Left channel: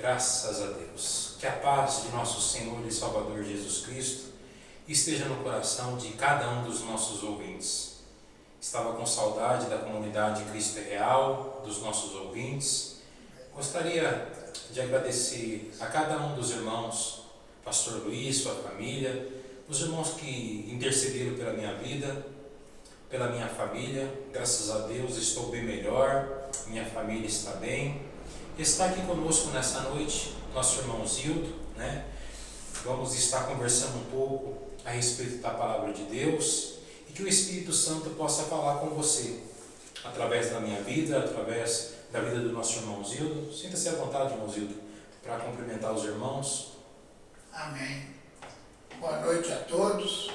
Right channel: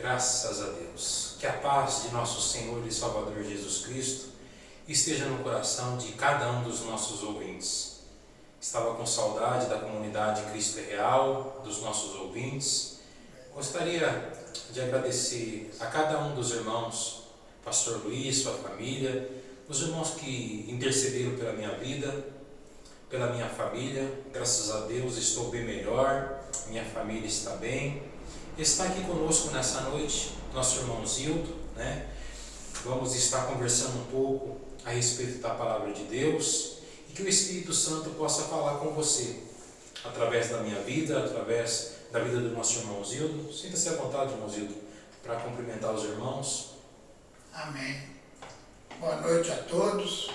Graças a Deus. Que a paz de nosso Senhor e Salvador Jesus Cristo esteja no coração de cada um dos nossos ouvintes. Estava com saudade da comunidade Cristo é Real, dos nossos ouvintes. Gostaria de agradecer a cada um dos irmãos, Pastor Luiz, sua família, os irmãos que intercederam pela minha vida, pela minha família. Graças a Deus estou bem melhor, minha família está bem. Está aqui conosco nessa noite nosso irmão Zildo, né? Vamos estar conversando um pouco a respeito da palavra de Deus e que o Espírito Santo possa falar com você através da minha vida, através da vida do nosso irmão Zildo. Sinta-se à vontade, irmão Zildo, para cumprimentar os irmãos. Amém. Boa noite a todos.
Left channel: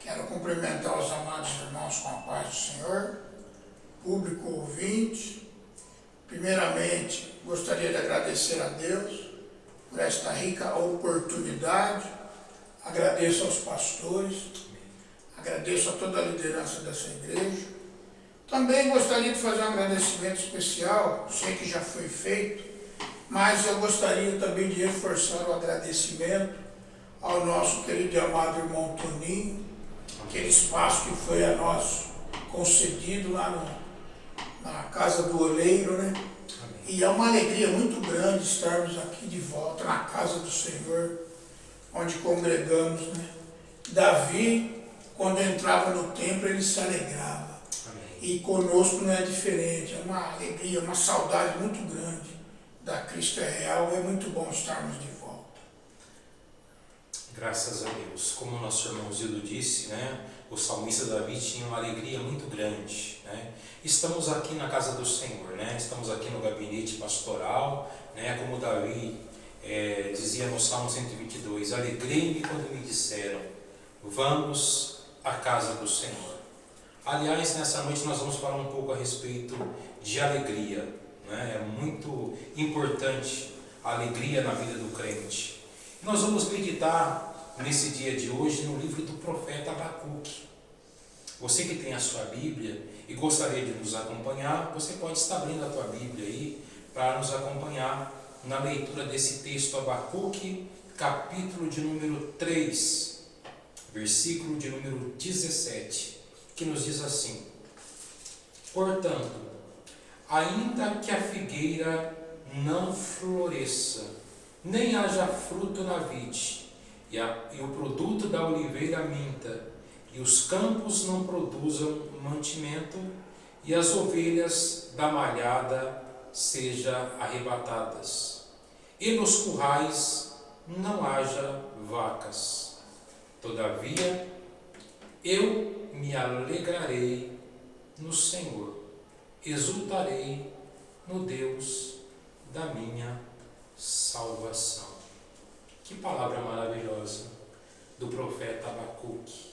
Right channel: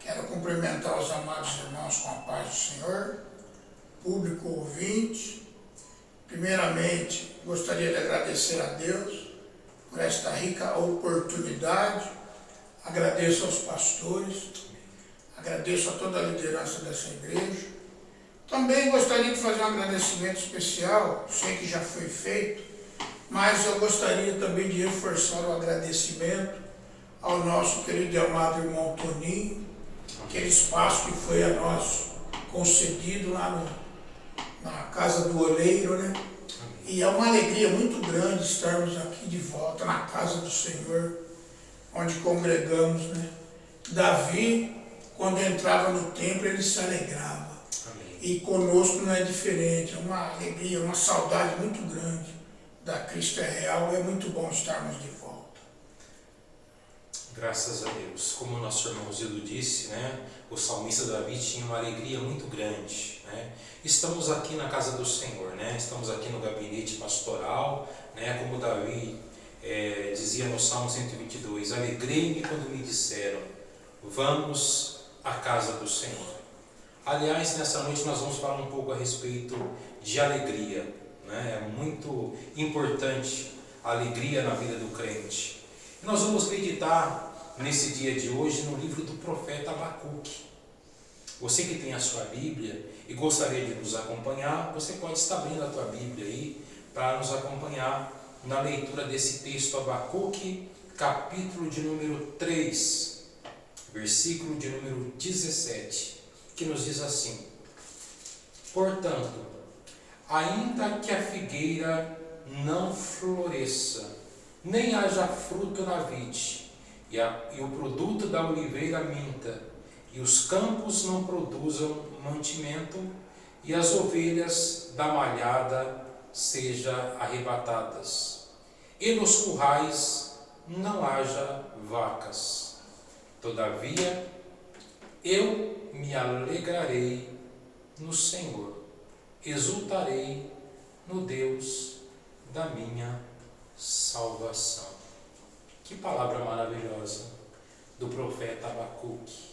Quero cumprimentar os amados irmãos com a paz do Senhor, público ouvinte. Primeiramente, gostaria de agradecer a Deus por esta rica oportunidade. Agradeço aos pastores, agradeço a toda a liderança dessa igreja. Também gostaria de fazer um agradecimento especial, sei que já foi feito, mas eu gostaria também de reforçar o agradecimento ao nosso querido e amado irmão Toninho, aquele espaço que foi a nós concedido lá na Casa do Oleiro, né? E é uma alegria muito grande estarmos aqui de volta na casa do Senhor, onde congregamos, né? Davi, quando entrava no templo, ele se alegrava. Amém. E conosco não é diferente, é uma alegria, uma saudade muito grande da Cristo é Real. É muito bom estarmos de volta. Graças a Deus. Como o nosso irmão Zildo disse, né? O salmista Davi tinha uma alegria muito grande, né? Estamos aqui na casa do Senhor, né? Estamos aqui no gabinete pastoral, né? Como Davi dizia no Salmo 122, alegrei-me quando me disseram, vamos à casa do Senhor. Aliás, nessa noite nós vamos falar um pouco a respeito de alegria, né? É muito importante a alegria na vida do crente. E nós vamos meditar nesse dia de hoje no livro do profeta Abacuque. Você que tem a sua Bíblia e gostaria de nos acompanhar, você pode estar abrindo a tua Bíblia aí para nos acompanhar na leitura desse texto, Abacuque, capítulo de número 3, versículo de número 17, que nos diz assim: portanto, ainda que a figueira não floresça, nem haja fruto na vide, e o produto da oliveira minta, e os campos não produzam mantimento, e as ovelhas da malhada sejam arrebatadas, e nos currais não haja vacas. Todavia, eu me alegrarei no Senhor, exultarei no Deus da minha salvação. Que palavra maravilhosa do profeta Abacuque.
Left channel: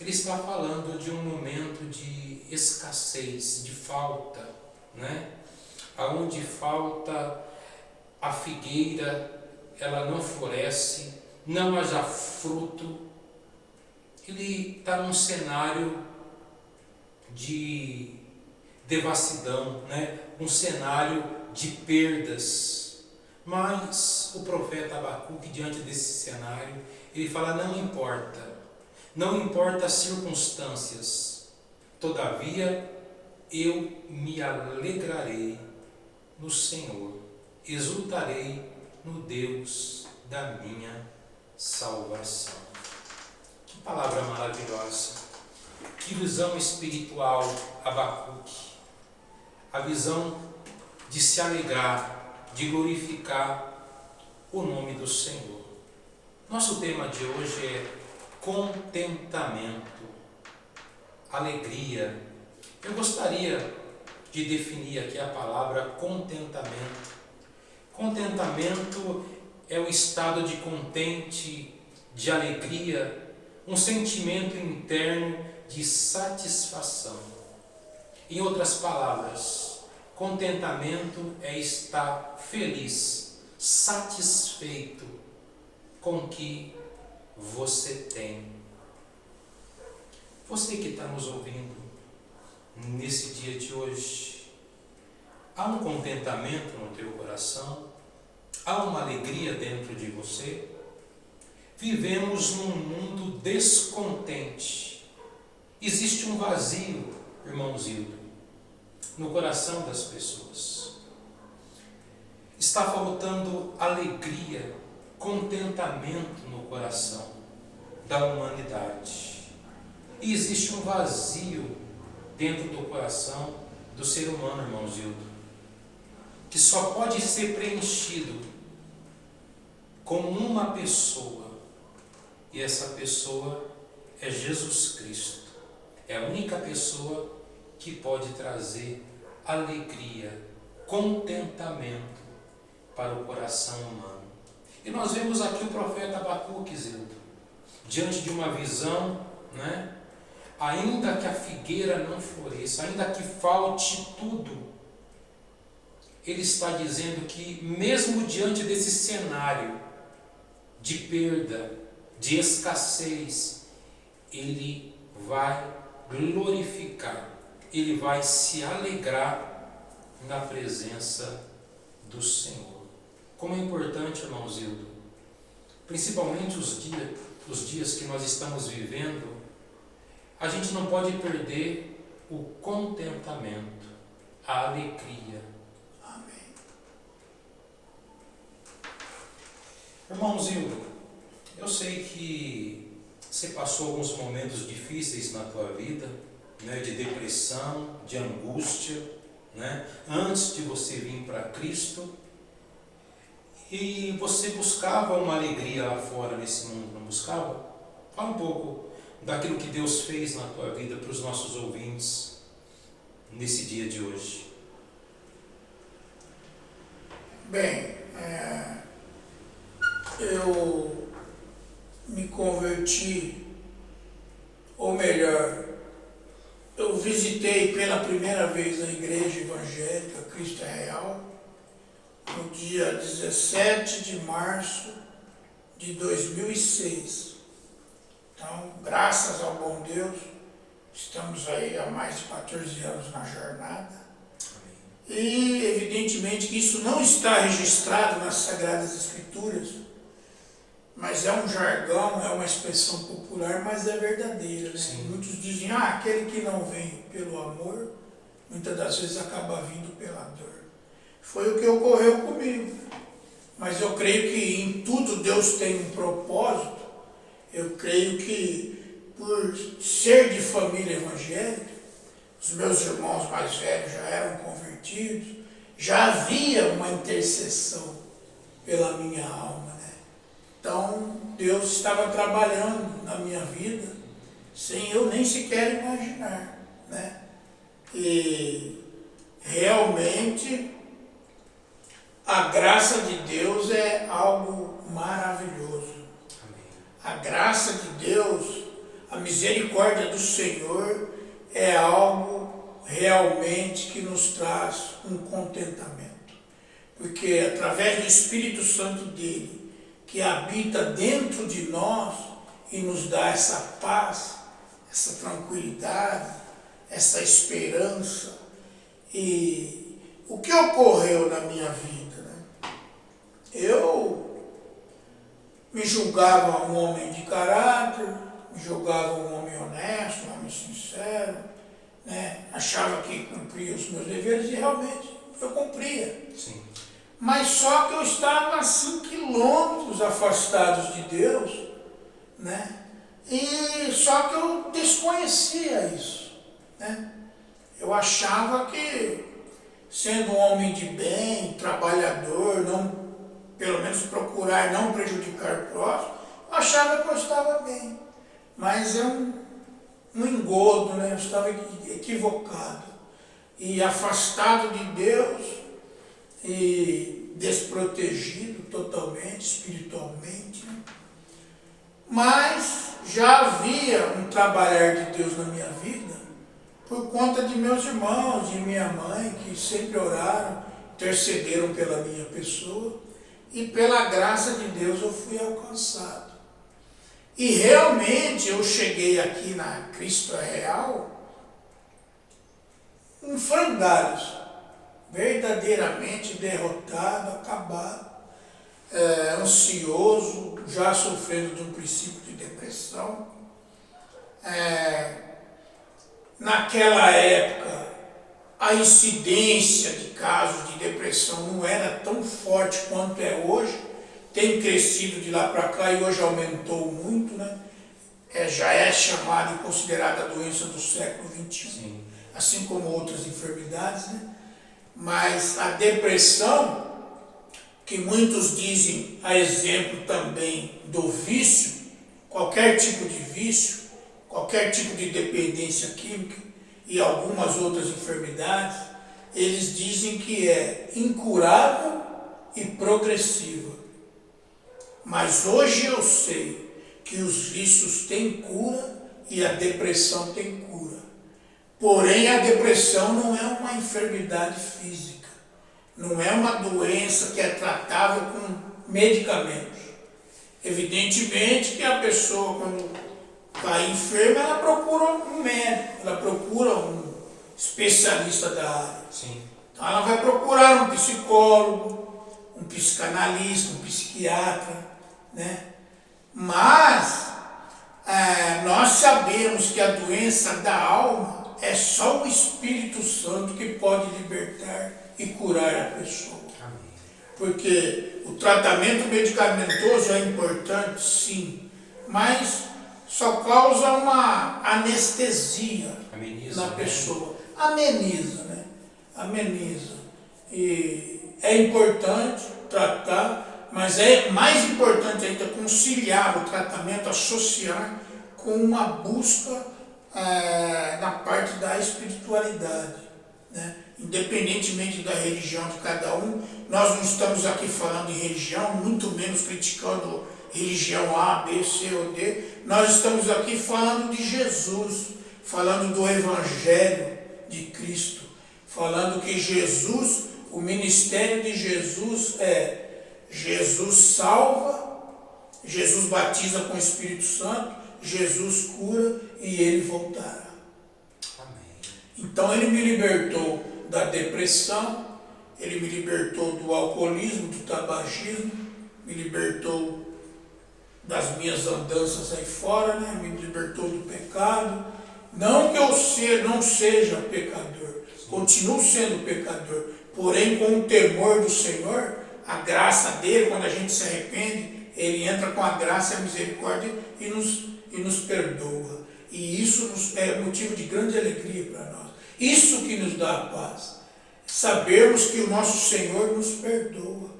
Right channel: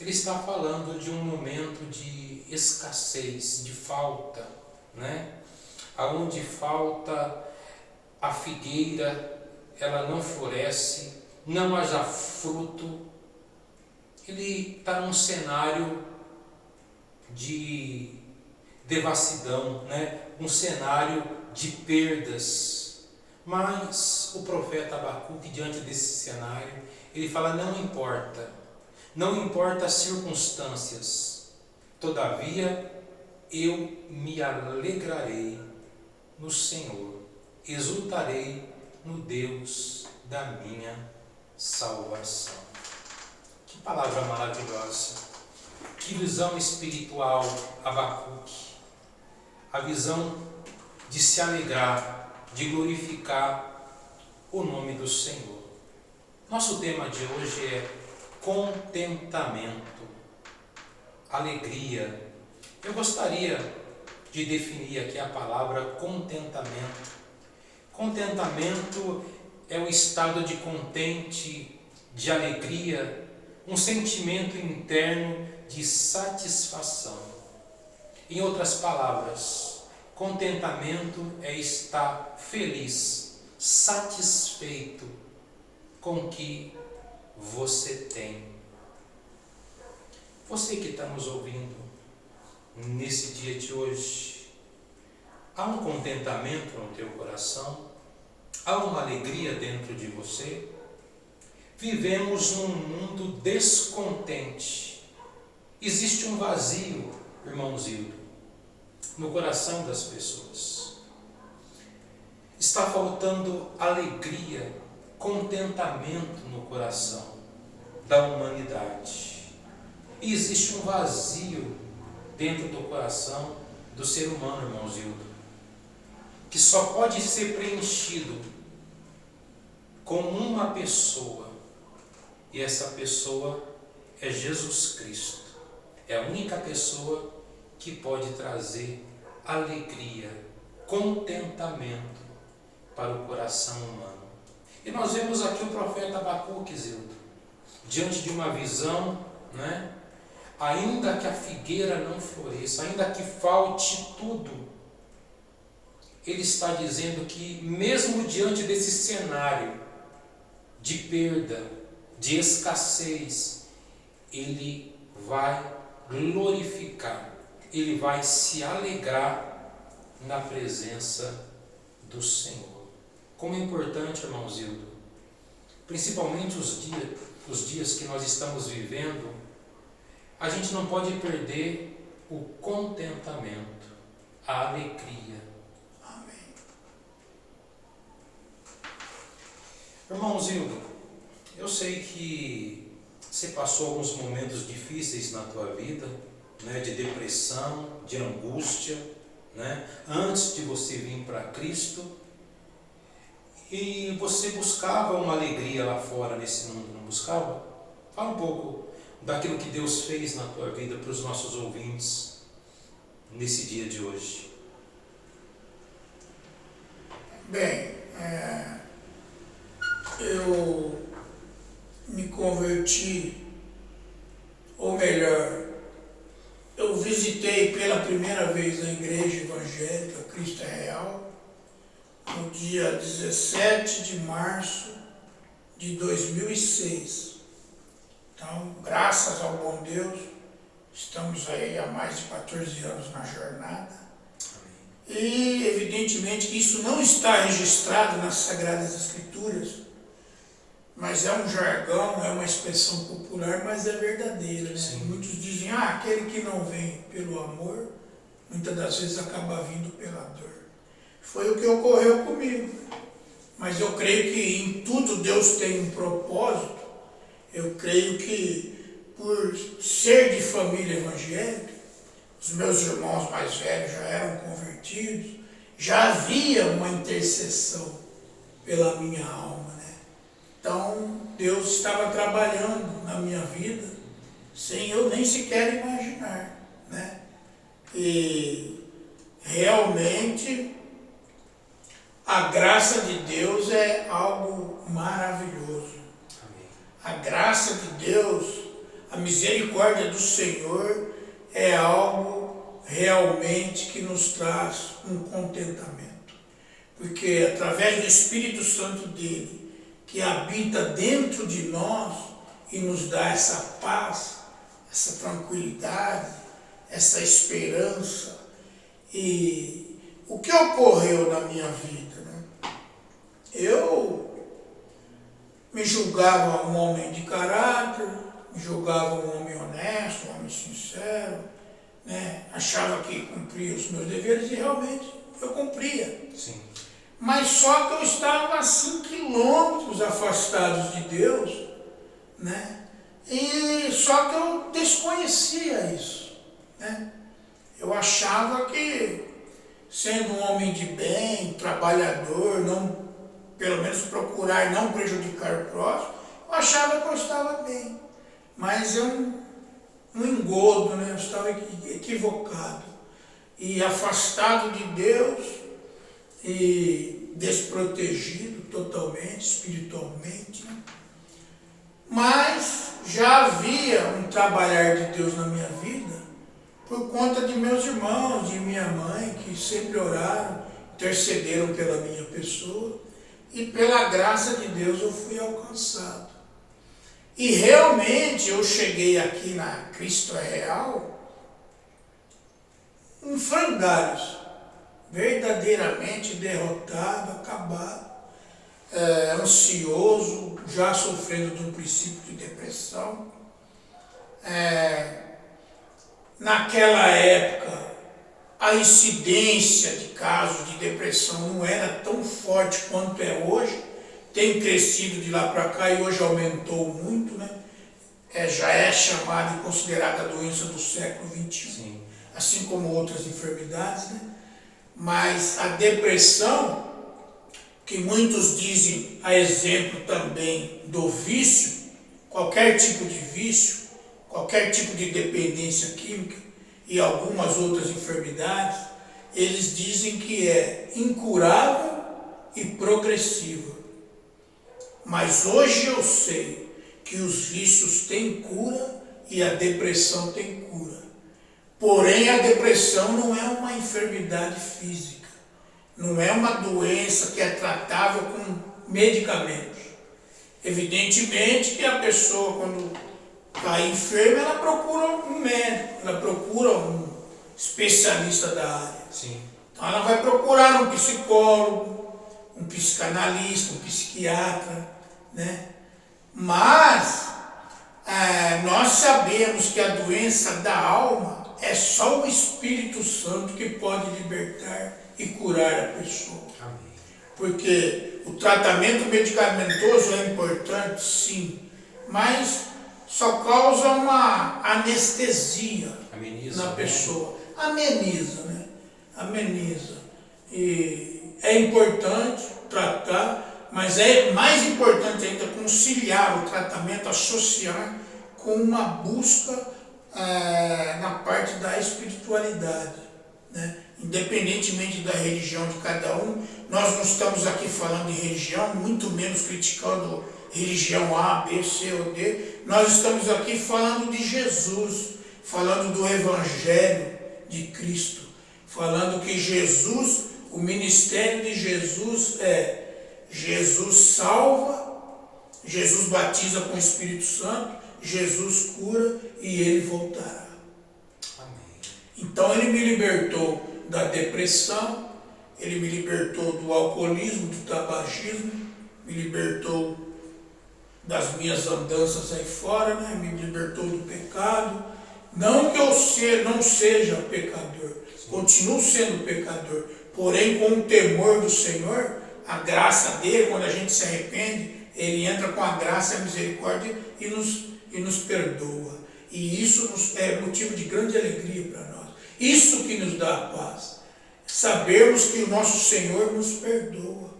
Ele está falando de um momento de escassez, de falta, né? Aonde falta a figueira, ela não floresce, não haja fruto. Ele está num cenário de devassidão, né? Um cenário de perdas. Mas o profeta Abacuque, diante desse cenário, ele fala, não importa as circunstâncias, todavia eu me alegrarei no Senhor, exultarei no Deus da minha salvação. Que palavra maravilhosa, que visão espiritual, Abacuque, a visão de se alegrar, de glorificar o nome do Senhor. Nosso tema de hoje é contentamento, alegria. Eu gostaria de definir aqui a palavra contentamento. Contentamento é o estado de contente, de alegria, um sentimento interno de satisfação. Em outras palavras, contentamento é estar feliz, satisfeito com o que você tem. Você que está nos ouvindo nesse dia de hoje, há um contentamento no teu coração? Há uma alegria dentro de você? Vivemos num mundo descontente. Existe um vazio, irmãozinho, no coração das pessoas. Está faltando alegria, contentamento no coração da humanidade. E existe um vazio dentro do coração do ser humano, irmãozinho, que só pode ser preenchido com uma pessoa. E essa pessoa é Jesus Cristo. É a única pessoa que pode trazer alegria, contentamento para o coração humano. E nós vemos aqui o profeta Abacuque, Zildo, diante de uma visão, né? Ainda que a figueira não floresça, ainda que falte tudo, ele está dizendo que mesmo diante desse cenário de perda, de escassez, ele vai glorificar, ele vai se alegrar na presença do Senhor. Como é importante, irmão Zildo, principalmente os dias que nós estamos vivendo, a gente não pode perder o contentamento, a alegria. Amém. Irmão Zildo, eu sei que você passou alguns momentos difíceis na tua vida, né, de depressão, de angústia, né, antes de você vir para Cristo, e você buscava uma alegria lá fora nesse mundo, não buscava? Fala um pouco daquilo que Deus fez na tua vida para os nossos ouvintes nesse dia de hoje. Bem, eu me converti, ou melhor, eu visitei pela primeira vez a Igreja Evangélica Cristo é Real no dia 17 de março de 2006. Então, graças ao bom Deus, estamos aí há mais de 14 anos na jornada. E, evidentemente, que isso não está registrado nas Sagradas Escrituras, mas é um jargão, é uma expressão popular, mas é verdadeira, né? Sim. Muitos dizem, aquele que não vem pelo amor, muitas das vezes acaba vindo pela dor. Foi o que ocorreu comigo. Mas eu creio que em tudo Deus tem um propósito. Eu creio que, por ser de família evangélica, os meus irmãos mais velhos já eram convertidos, já havia uma intercessão pela minha alma, né? Então, Deus estava trabalhando na minha vida, sem eu nem sequer imaginar, né? E, realmente, a graça de Deus é algo maravilhoso. A graça de Deus, a misericórdia do Senhor é algo realmente que nos traz um contentamento. Porque através do Espírito Santo dele, que habita dentro de nós e nos dá essa paz, essa tranquilidade, essa esperança. E o que ocorreu na minha vida, né? Eu me julgava um homem de caráter, me julgava um homem honesto, um homem sincero, né? Achava que cumpria os meus deveres e realmente eu cumpria. Sim. Mas só que eu estava a 5 quilômetros afastados de Deus, né? E só que eu desconhecia isso, né? Eu achava que, sendo um homem de bem, trabalhador, não, pelo menos procurar não prejudicar o próximo, eu achava que eu estava bem. Mas é um engodo, né? Eu estava equivocado e afastado de Deus e desprotegido totalmente, espiritualmente, né? Mas já havia um trabalhar de Deus na minha vida por conta de meus irmãos, de minha mãe, que sempre oraram, intercederam pela minha pessoa, e pela graça de Deus eu fui alcançado. E realmente eu cheguei aqui na Cristo é Real em frangalhos, verdadeiramente derrotado, acabado, ansioso, já sofrendo de um princípio de depressão. Naquela época, a incidência de casos de depressão não era tão forte quanto é hoje, tem crescido de lá para cá e hoje aumentou muito, né? Já é chamada e considerada a doença do século XXI, sim, assim como outras enfermidades, né? Mas a depressão, que muitos dizem a exemplo também do vício, qualquer tipo de vício, qualquer tipo de dependência química e algumas outras enfermidades, eles dizem que é incurável e progressiva. Mas hoje eu sei que os vícios têm cura e a depressão tem cura. Porém, a depressão não é uma enfermidade física, não é uma doença que é tratável com medicamentos. Evidentemente que a pessoa, quando está enferma, ela procura um médico, ela procura um especialista da área. Sim. Então ela vai procurar um psicólogo, um psicanalista, um psiquiatra, né? Mas nós sabemos que a doença da alma é só o Espírito Santo que pode libertar e curar a pessoa. Amém. Porque o tratamento medicamentoso é importante, sim, mas só causa uma anestesia na pessoa. Ameniza, né? Ameniza. E é importante tratar, mas é mais importante ainda conciliar o tratamento, associar com uma busca na parte da espiritualidade, né? Independentemente da religião de cada um, nós não estamos aqui falando em religião, muito menos criticando religião A, B, C ou D, nós estamos aqui falando de Jesus, falando do Evangelho de Cristo, falando que Jesus, o ministério de Jesus Jesus salva, Jesus batiza com o Espírito Santo, Jesus cura e ele voltará. Amém. Então ele me libertou da depressão, ele me libertou do alcoolismo, do tabagismo, me libertou das minhas andanças aí fora, né? Me libertou do pecado. Não que eu não seja pecador, continuo sendo pecador, porém com o temor do Senhor, a graça dele, quando a gente se arrepende, ele entra com a graça e a misericórdia e nos perdoa. E isso é motivo de grande alegria para nós. Isso que nos dá a paz. Sabermos que o nosso Senhor nos perdoa,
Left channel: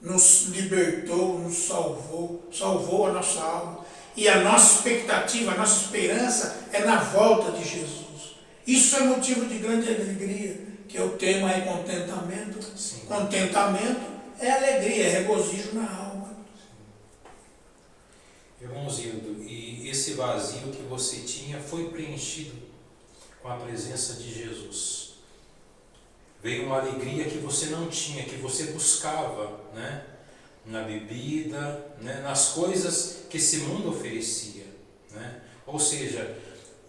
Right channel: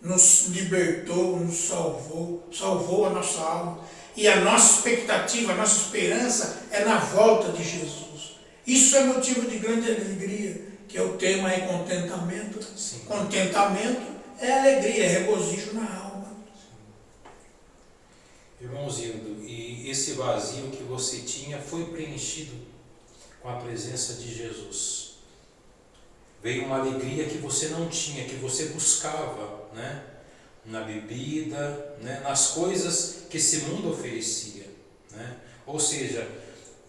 nos libertou, nos salvou a nossa alma. E a nossa expectativa, a nossa esperança é na volta de Jesus. Isso é motivo de grande alegria, que é o tema é contentamento. Sim. Contentamento é alegria, é regozijo na alma. Irmãos Hildo, e esse vazio que você tinha foi preenchido com a presença de Jesus. Veio uma alegria que você não tinha, que você buscava, né? Na bebida, né? Nas coisas que esse mundo oferecia, né? Ou seja,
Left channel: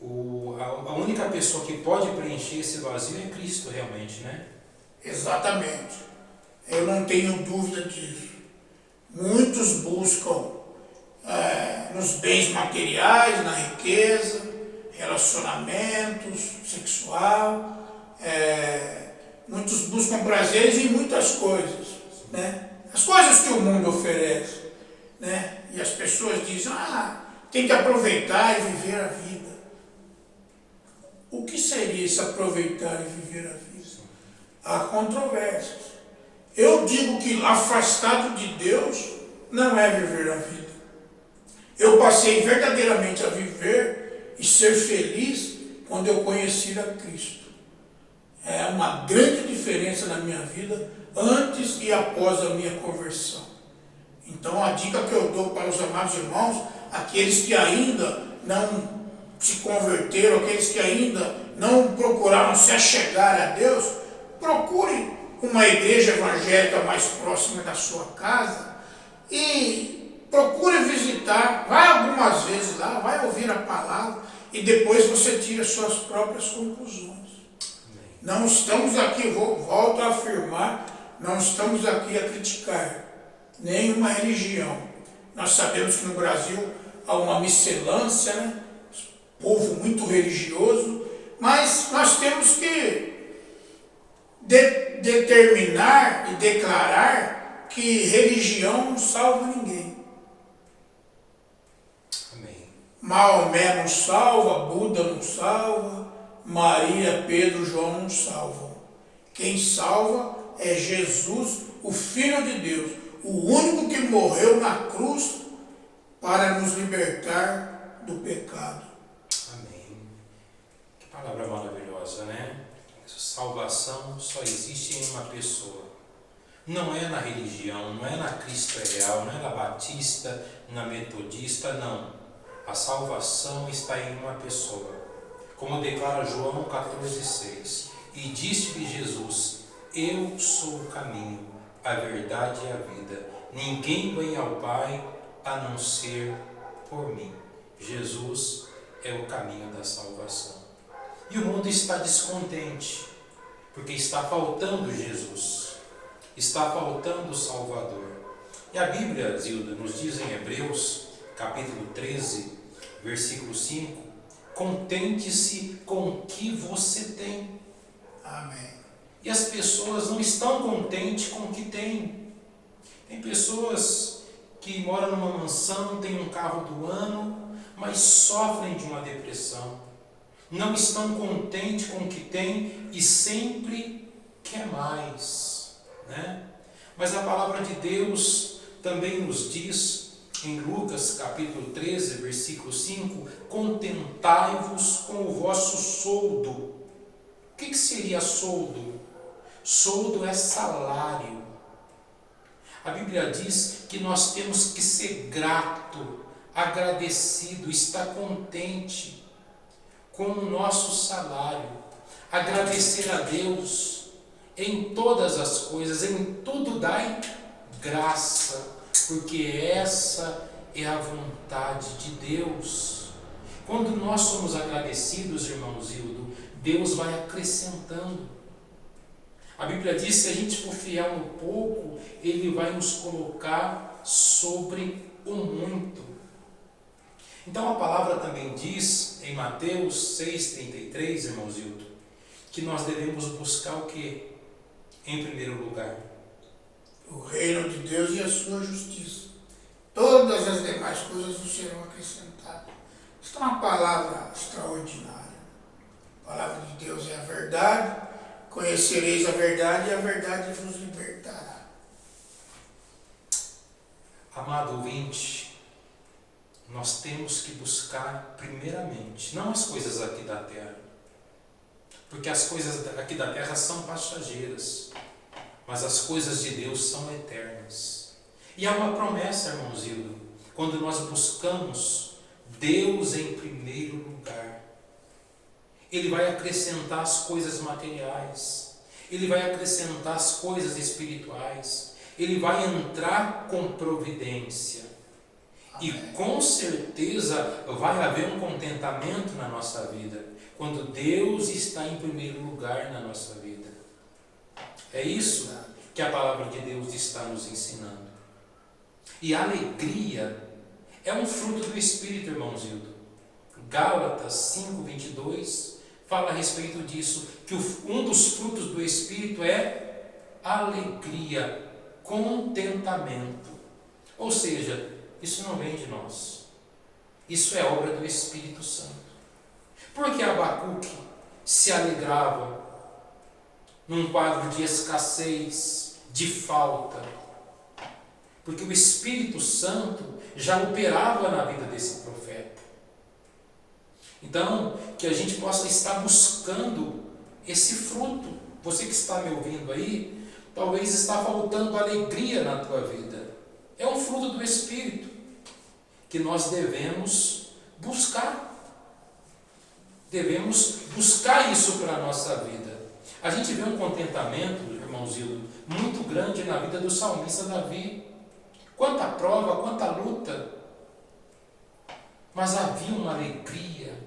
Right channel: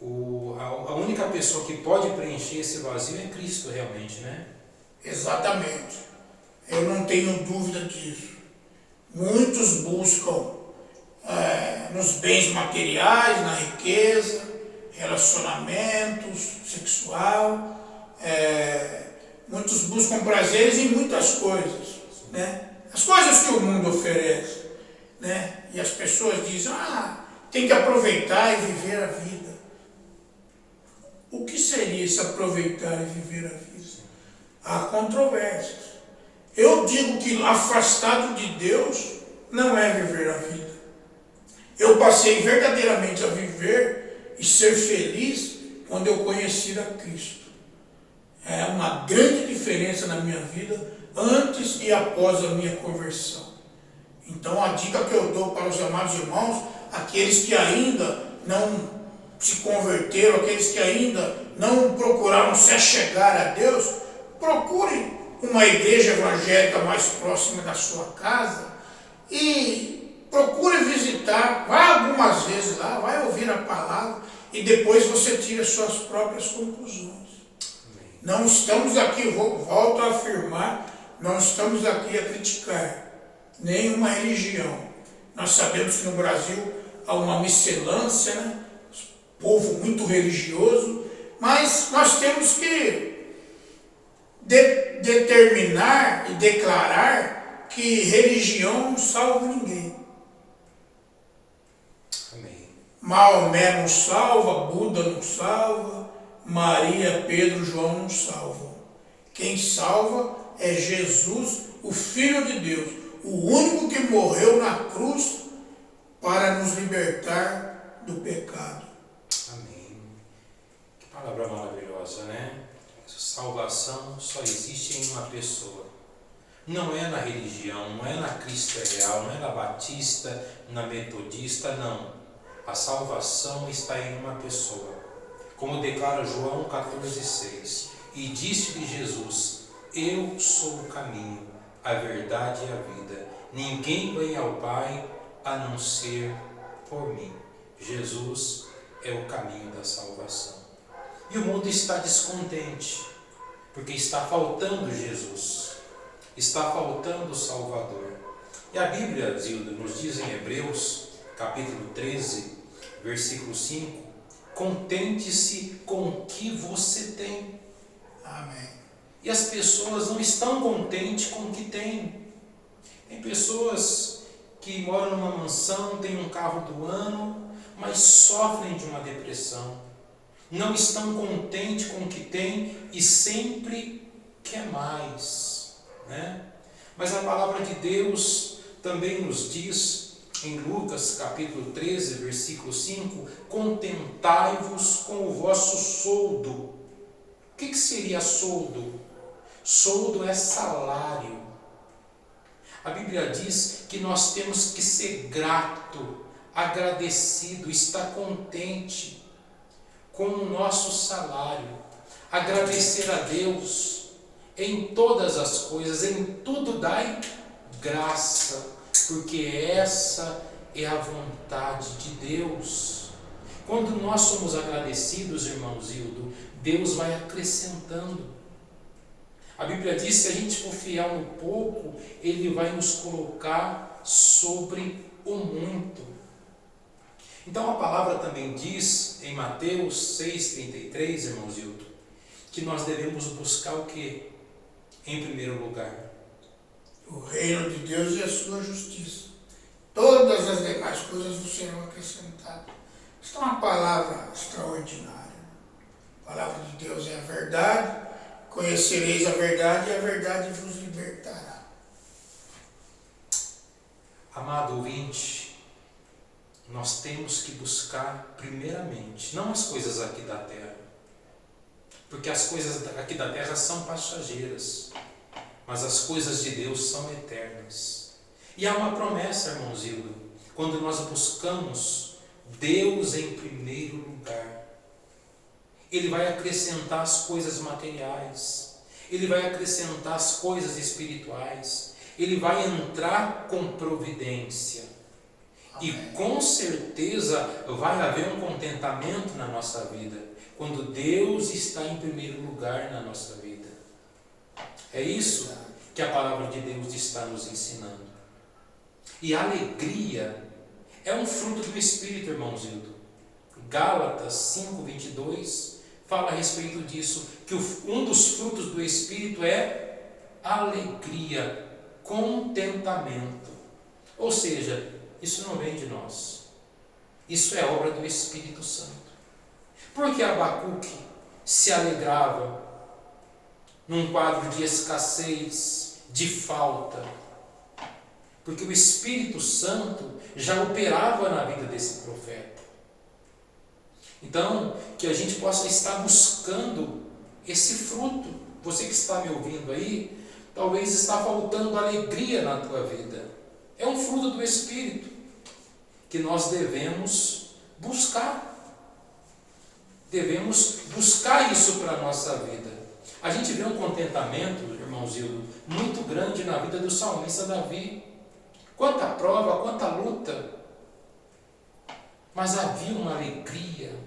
a única pessoa que pode preencher esse vazio é Cristo realmente, né? Exatamente. Eu não tenho dúvida disso. Muitos buscam nos bens materiais, na riqueza, relacionamentos, sexual, muitos buscam prazeres em muitas coisas, né? As coisas que o mundo oferece, né? E as pessoas dizem, tem que aproveitar e viver a vida. O que seria esse aproveitar e viver a vida? Há controvérsias. Eu digo que afastado de Deus não é viver a vida. Eu passei verdadeiramente a viver e ser feliz quando eu conheci a Cristo. É uma grande diferença na minha vida antes e após a minha conversão. Então a dica que eu dou para os amados irmãos, aqueles que ainda não se converteram, aqueles que ainda não procuraram se achegar a Deus, procure uma igreja evangélica mais próxima da sua casa e procure visitar, vai algumas vezes lá, vai ouvir a palavra e depois você tira suas próprias conclusões. Não estamos aqui, volto a afirmar, não estamos aqui a criticar. nenhuma religião. Nós sabemos que no Brasil há uma miscelância, né? Povo muito religioso, mas nós temos que determinar e declarar que religião não salva ninguém. Amém. Maomé não salva, Buda não salva, Maria, Pedro, João não salvam. Quem salva é Jesus, o Filho de Deus, o único que morreu na cruz para nos libertar do pecado. Amém. Que palavra maravilhosa, né? Salvação só existe em uma pessoa. Não é na religião, não é na Cristo é Real, não é na Batista, na Metodista, não. A salvação está em uma pessoa. Como declara João 14,6. E disse-lhe Jesus: eu sou o caminho, a verdade e a vida. Ninguém vem ao Pai a não ser por mim. Jesus é o caminho da salvação. E o mundo está descontente, porque está faltando Jesus, está faltando o Salvador. E a Bíblia, Zilda, nos diz em Hebreus, capítulo 13, versículo 5, contente-se com o que você tem. Amém. E as pessoas não estão contentes com o que têm. Tem pessoas que moram numa mansão, têm um carro do ano, mas sofrem de uma depressão. Não estão contentes com o que têm e sempre quer mais, né? Mas a palavra de Deus também nos diz em Lucas capítulo 13, versículo 5, contentai-vos com o vosso soldo. O que seria soldo? Soldo é salário. A Bíblia diz que nós temos que ser grato, agradecido, estar contente com o nosso salário, agradecer a Deus em todas as coisas, em tudo dai graça, porque essa é a vontade de Deus. Quando nós somos agradecidos, irmãos Hildo, Deus vai acrescentando. A Bíblia diz que se a gente for fiel no pouco, Ele vai nos colocar sobre o muito. Então a palavra também diz em Mateus 6,33, irmãos Hildo, que nós devemos buscar o quê? Em primeiro lugar, o reino de Deus e a sua justiça. Todas as demais coisas vos serão acrescentadas. Isso é uma palavra extraordinária. A palavra de Deus é a verdade. Conhecereis a verdade e a verdade vos libertará. Amado ouvinte, nós temos que buscar primeiramente, não as coisas aqui da terra, porque as coisas aqui da terra são passageiras, mas as coisas de Deus são eternas. E há uma promessa, irmãos Hildo, quando nós buscamos Deus em primeiro lugar, Ele vai acrescentar as coisas materiais, Ele vai acrescentar as coisas espirituais, Ele vai entrar com providência. Amém. E com certeza vai haver um contentamento na nossa vida, quando Deus está em primeiro lugar na nossa vida. É isso que a palavra de Deus está nos ensinando. E a alegria é um fruto do Espírito, irmãos Hildo. Gálatas 5:22 fala a respeito disso, que um dos frutos do Espírito é alegria, contentamento. Ou seja, isso não vem de nós. Isso é obra do Espírito Santo. Porque Abacuque se alegrava num quadro de escassez, de falta? Porque o Espírito Santo já operava na vida desse profeta. Então, que a gente possa estar buscando esse fruto. Você que está me ouvindo aí, talvez está faltando alegria na tua vida. É um fruto do Espírito que nós devemos buscar. Devemos buscar isso para a nossa vida. A gente vê um contentamento, irmãos Hildo, muito grande na vida do salmista Davi. Quanta prova, quanta luta, mas havia uma alegria.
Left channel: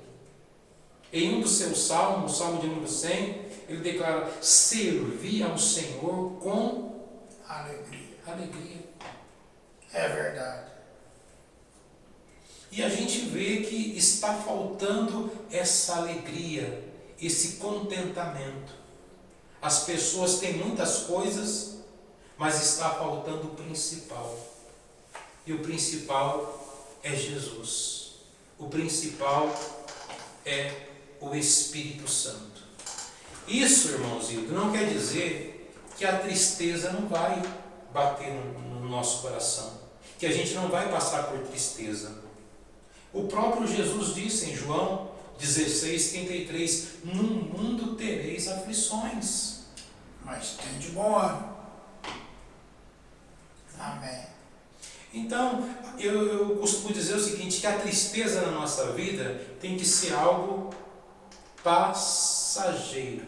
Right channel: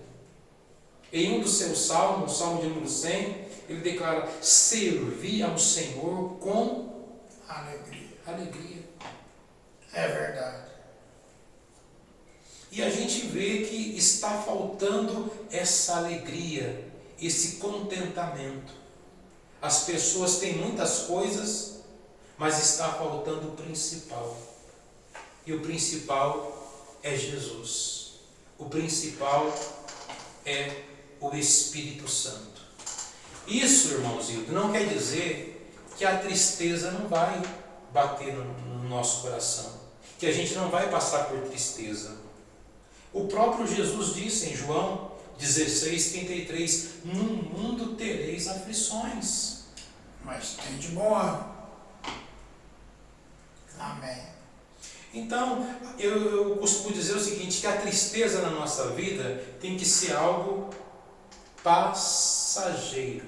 Em um dos seus salmos, o Salmo de número 100, ele declara: servi ao Senhor com alegria. É verdade. E a gente vê que está faltando essa alegria, esse contentamento. As pessoas têm muitas coisas, mas está faltando o principal. E o principal é Jesus. O principal é o Espírito Santo. Isso, irmãozinho, não quer dizer que a tristeza não vai bater no nosso coração, que a gente não vai passar por tristeza. O próprio Jesus disse em João 16:33, no mundo tereis aflições. Mas tem de bom ânimo. Amém. Então, eu costumo dizer o seguinte, que a tristeza na nossa vida tem que ser algo passageiro.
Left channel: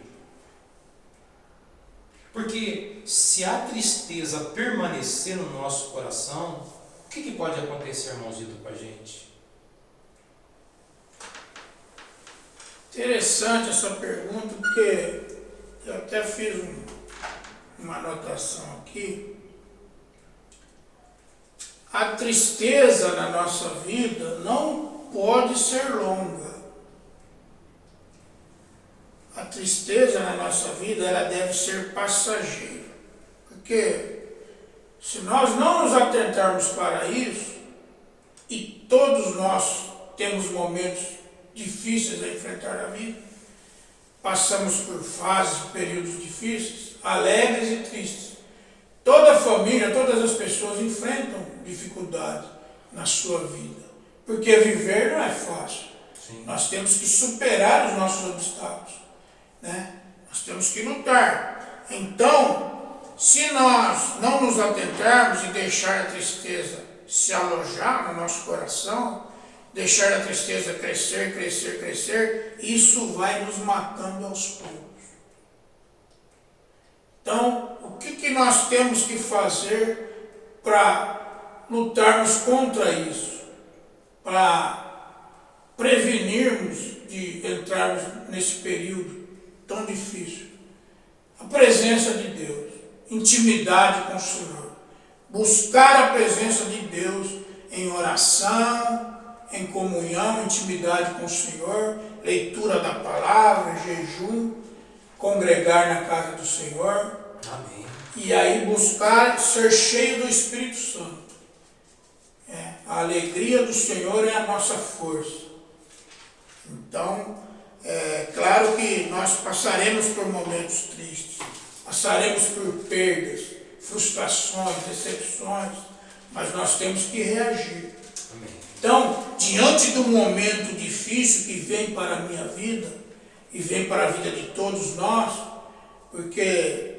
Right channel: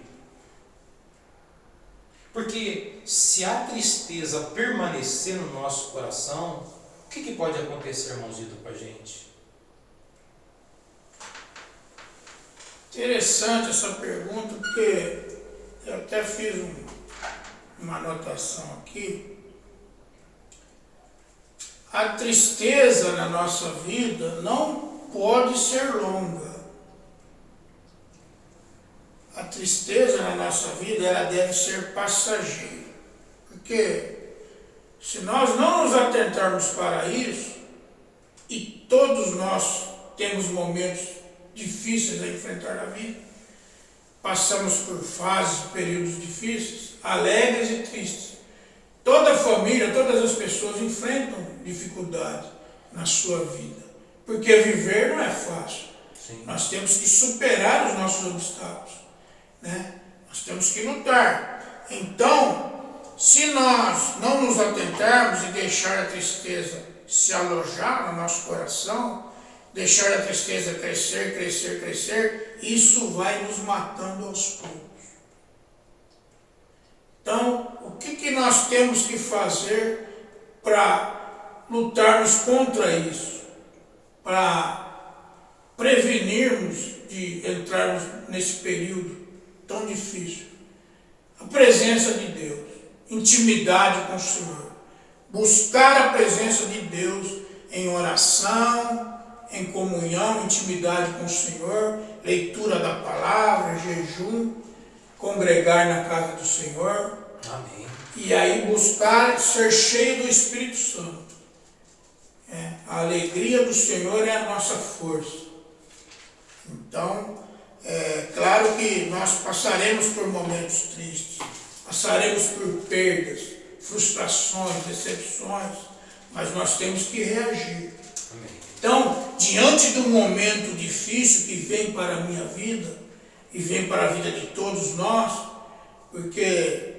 Porque se a tristeza permanecer no nosso coração, o que pode acontecer, irmãozito, com a gente? Interessante essa pergunta, porque eu até fiz uma anotação aqui. A tristeza na nossa vida não pode ser longa. A tristeza na nossa vida, ela deve ser passageira. Porque se nós não nos atentarmos para isso, e todos nós temos momentos difíceis a enfrentar na vida, passamos por fases, períodos difíceis, alegres e tristes. Toda a família, todas as pessoas enfrentam dificuldade na sua vida, porque viver não é fácil. Sim. Nós temos que superar os nossos obstáculos, né? Nós temos que lutar. Então, se nós não nos atentarmos e deixar a tristeza se alojar no nosso coração, deixar a tristeza crescer, crescer, crescer, isso vai nos matando aos poucos. Então, o que nós temos que fazer para lutarmos contra isso? Para prevenirmos de entrarmos nesse período tão difícil? A presença de Deus, intimidade com o Senhor. Buscar a presença de Deus em oração, em comunhão, intimidade com o Senhor, leitura da palavra, jejum, congregar na casa do Senhor. Amém. E aí buscar ser cheio do Espírito Santo. A alegria do Senhor é a nossa força. Então, claro que nós passaremos por momentos tristes, passaremos por perdas, frustrações, decepções, mas nós temos que reagir. Amém. Então, diante do momento difícil que vem para a minha vida, e vem para a vida de todos nós, porque,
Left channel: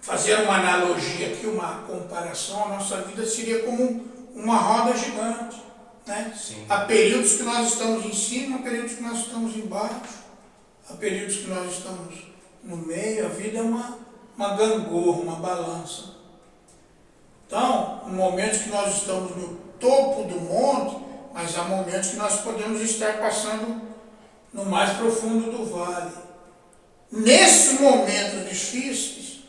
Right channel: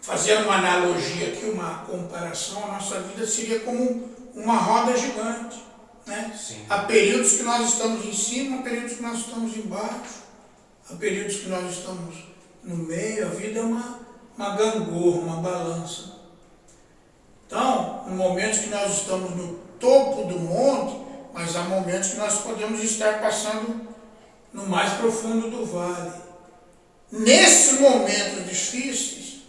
fazendo uma analogia aqui, uma comparação, a nossa vida seria como uma roda gigante, né? Sim. Há períodos que nós estamos em cima, há períodos que nós estamos embaixo, há períodos que nós estamos no meio. A vida é uma gangorra, uma balança. Então, no momento que nós estamos no topo do monte, mas há momentos que nós podemos estar passando no mais profundo do vale. Nesses momentos difíceis,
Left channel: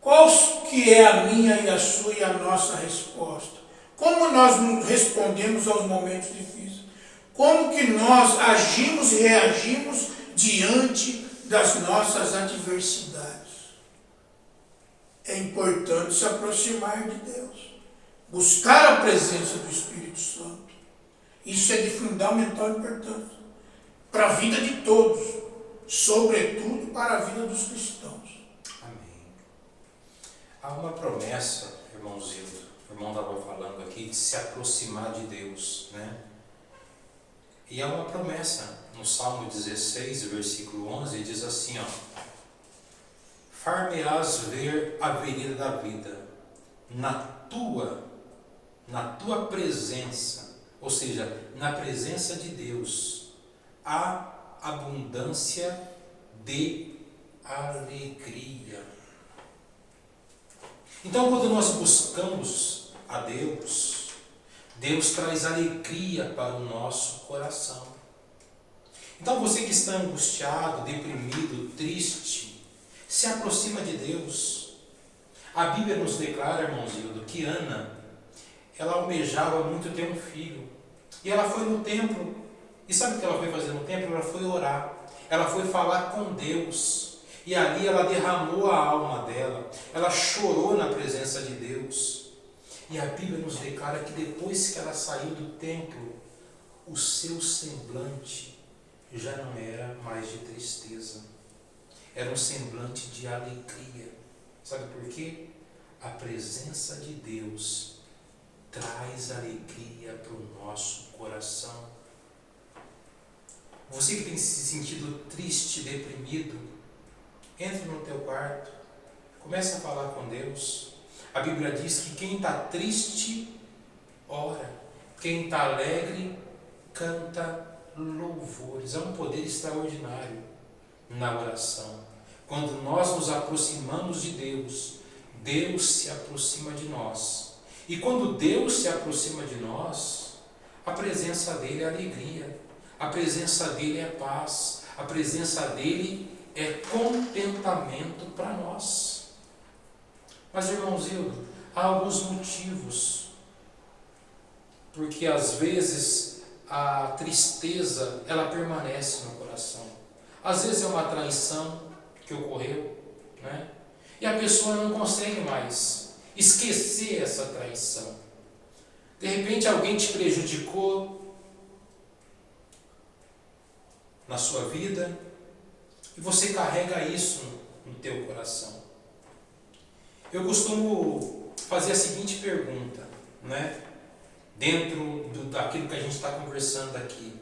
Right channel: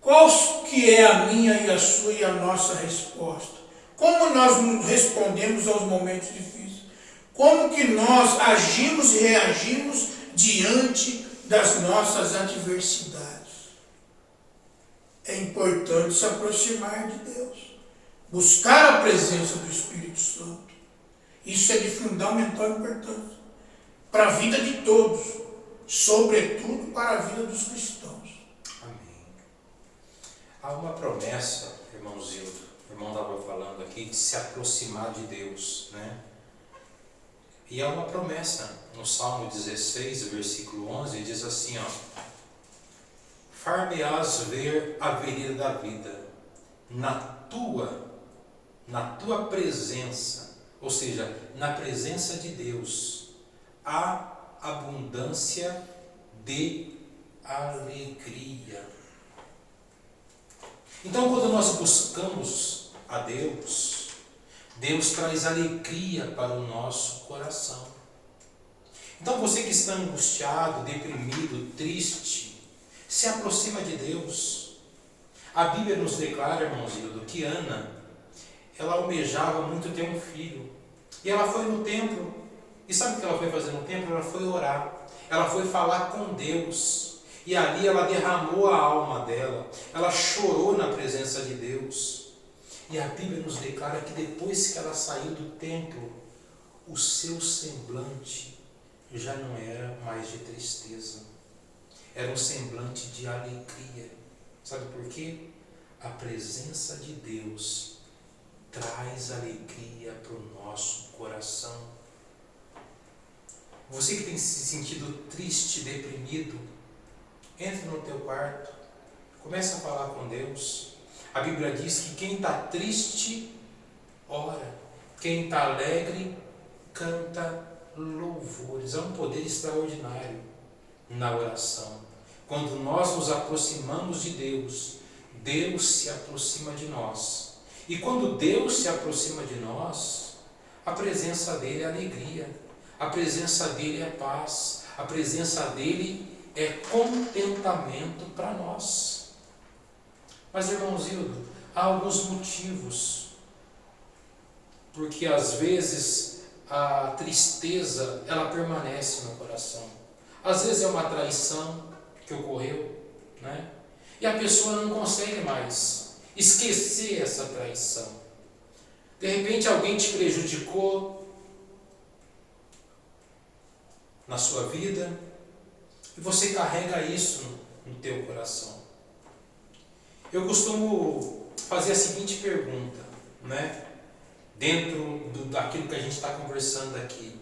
qual que é a minha e a sua e a nossa resposta? Como nós nos respondemos aos momentos difíceis? Como que nós agimos e reagimos diante das nossas adversidades? É importante se aproximar de Deus, buscar a presença do Espírito Santo. Isso é de fundamental importância para a vida de todos, sobretudo para a vida dos cristãos. Amém. Há uma promessa, irmãozinho, o irmão estava falando aqui, de se aproximar de Deus, né? E há uma promessa no Salmo 16, versículo 11, diz assim, ó: far-me-ás ver a vereda da vida, na tua presença, ou seja, na presença de Deus, há abundância de alegria. Então, quando nós buscamos a Deus, Deus traz alegria para o nosso coração. Então, você que está angustiado, deprimido, triste, se aproxima de Deus. A Bíblia nos declara, irmãozinho, que Ana, ela almejava muito ter um filho. E ela foi no templo. E sabe o que ela foi fazer no templo? Ela foi orar. Ela foi falar com Deus. E ali ela derramou a alma dela. Ela chorou na presença de Deus. E a Bíblia nos declara que depois que ela saiu do templo, o seu semblante já não era mais de tristeza. Era um semblante de alegria. Sabe por quê? A presença de Deus traz alegria para o nosso coração. Você que tem se sentido triste, deprimido, entre no teu quarto, comece a falar com Deus. A Bíblia diz que quem está triste, ora. Quem está alegre, canta louvores. É um poder extraordinário na oração. Quando nós nos aproximamos de Deus, Deus se aproxima de nós. E quando Deus se aproxima de nós, a presença dele é alegria, a presença dele é paz, a presença dele é contentamento para nós. Mas, irmãos Hildo, há alguns motivos, porque às vezes a tristeza ela permanece no coração. Às vezes é uma traição que ocorreu, né? E a pessoa não consegue mais esquecer essa traição. De repente alguém te prejudicou na sua vida e você carrega isso no teu coração. Eu costumo fazer a seguinte pergunta, né? Dentro daquilo que a gente está conversando aqui.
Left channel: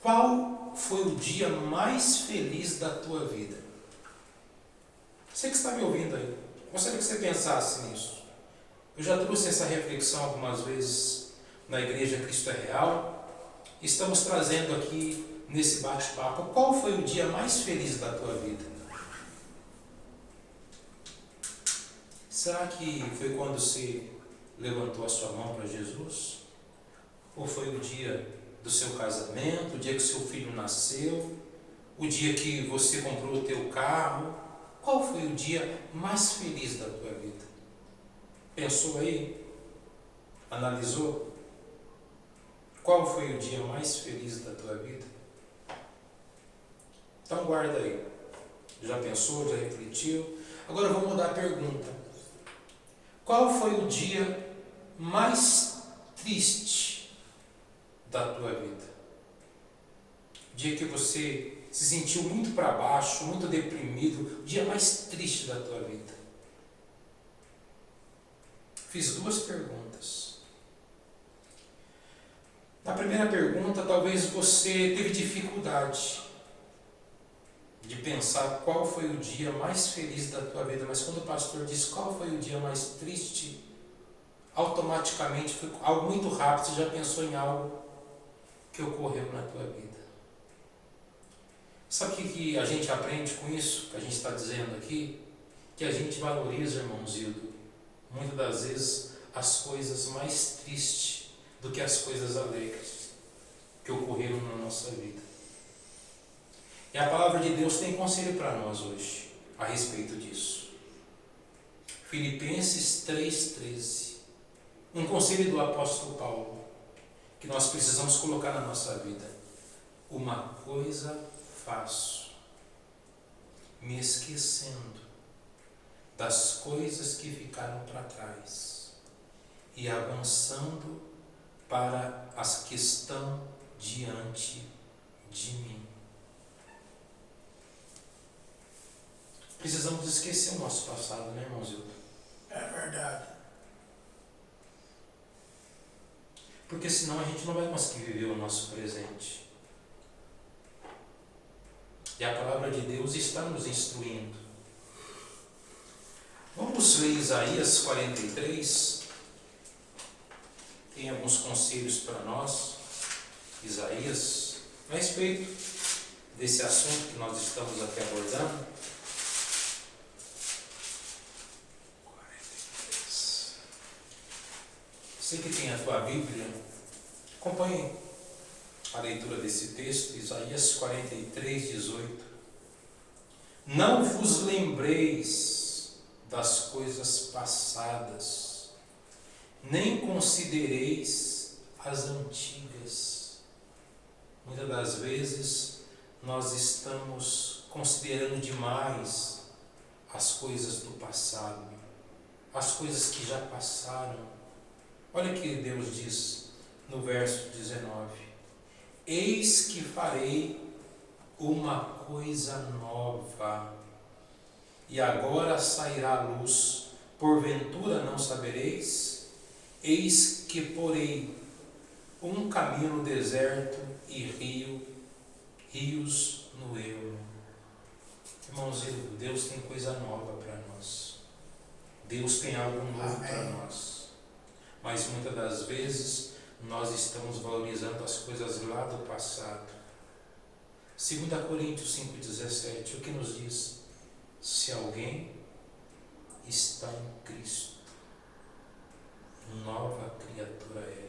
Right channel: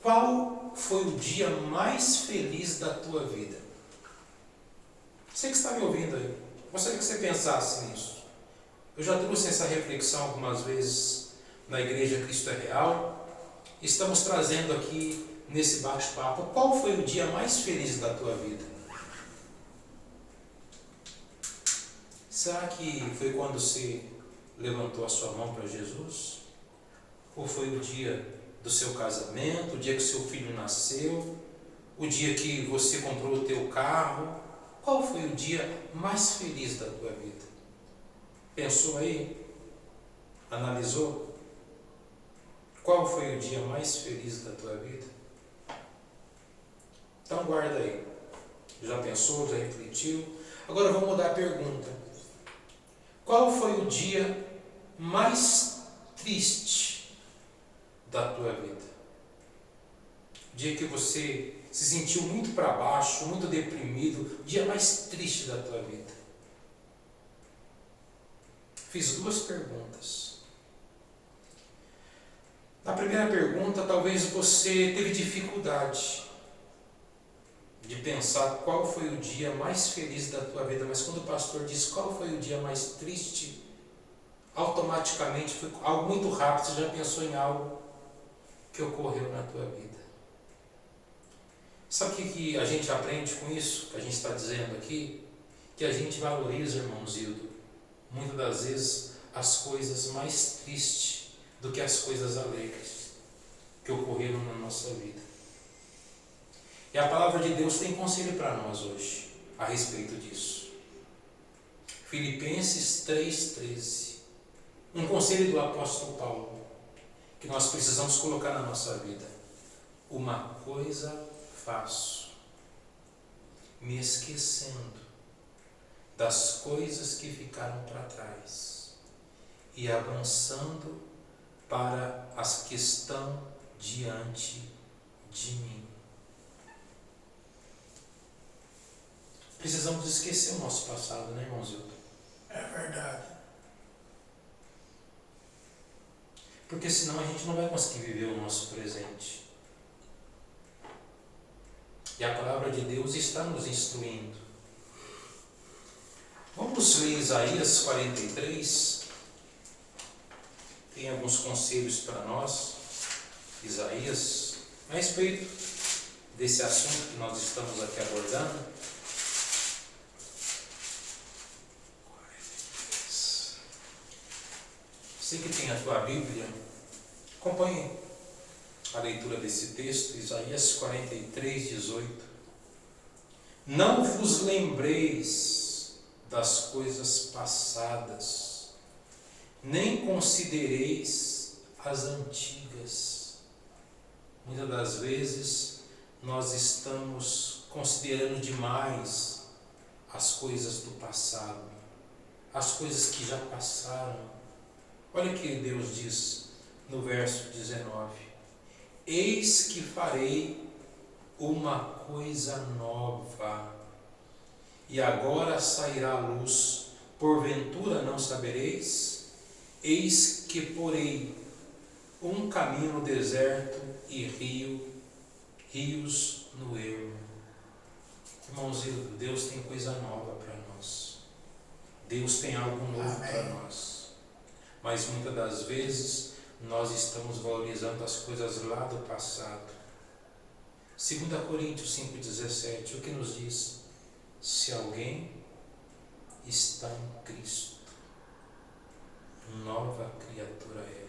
Qual foi o dia mais feliz da tua vida? Você que está me ouvindo aí, gostaria que você pensasse nisso. Eu já trouxe essa reflexão algumas vezes na Igreja Cristo é Real. Estamos trazendo aqui nesse bate-papo. Qual foi o dia mais feliz da tua vida? Será que foi quando você levantou a sua mão para Jesus? Ou foi o dia do seu casamento, o dia que seu filho nasceu, o dia que você comprou o teu carro? Qual foi o dia mais feliz da tua vida? Pensou aí? Analisou? Qual foi o dia mais feliz da tua vida? Então guarda aí. Já pensou? Já refletiu? Agora vamos mudar a pergunta. Qual foi o dia mais triste da tua vida? O dia que você se sentiu muito para baixo, muito deprimido, o dia mais triste da tua vida. Fiz duas perguntas. Na primeira pergunta, talvez você teve dificuldade de pensar qual foi o dia mais feliz da tua vida, mas quando o pastor diz qual foi o dia mais triste, automaticamente foi algo muito rápido, você já pensou em algo que ocorreu na tua vida. Sabe o que a gente aprende com isso, que a gente está dizendo aqui? Que a gente valoriza, irmãos Hildo, muitas das vezes as coisas mais tristes do que as coisas alegres que ocorreram na nossa vida. E a palavra de Deus tem conselho para nós hoje a respeito disso. Filipenses 3,13. Um conselho do apóstolo Paulo que nós precisamos colocar na nossa vida. Uma coisa faço, me esquecendo das coisas que ficaram para trás e avançando para as que estão diante de mim. Precisamos esquecer o nosso passado, né, irmão Zildo? É verdade. Porque senão a gente não vai conseguir viver o nosso presente. E a palavra de Deus está nos instruindo. Vamos ler Isaías 43. Tem alguns conselhos para nós. Isaías, a respeito desse assunto que nós estamos aqui abordando. 43. Você que tem a tua Bíblia, acompanhe a leitura desse texto, Isaías 43, 18. Não vos lembreis das coisas passadas, nem considereis as antigas. Muitas das vezes nós estamos considerando demais as coisas do passado, as coisas que já passaram. Olha o que Deus diz no verso 19: eis que farei uma coisa nova, e agora sairá a luz, porventura não sabereis? Eis que porei um caminho no deserto e rios no ermo. Irmãozinho, Deus tem coisa nova para nós. Deus tem algo novo para nós. Mas muitas das vezes nós estamos valorizando as coisas lá do passado. 2 Coríntios 5,17, o que nos diz? Se alguém está em Cristo, nova criatura é.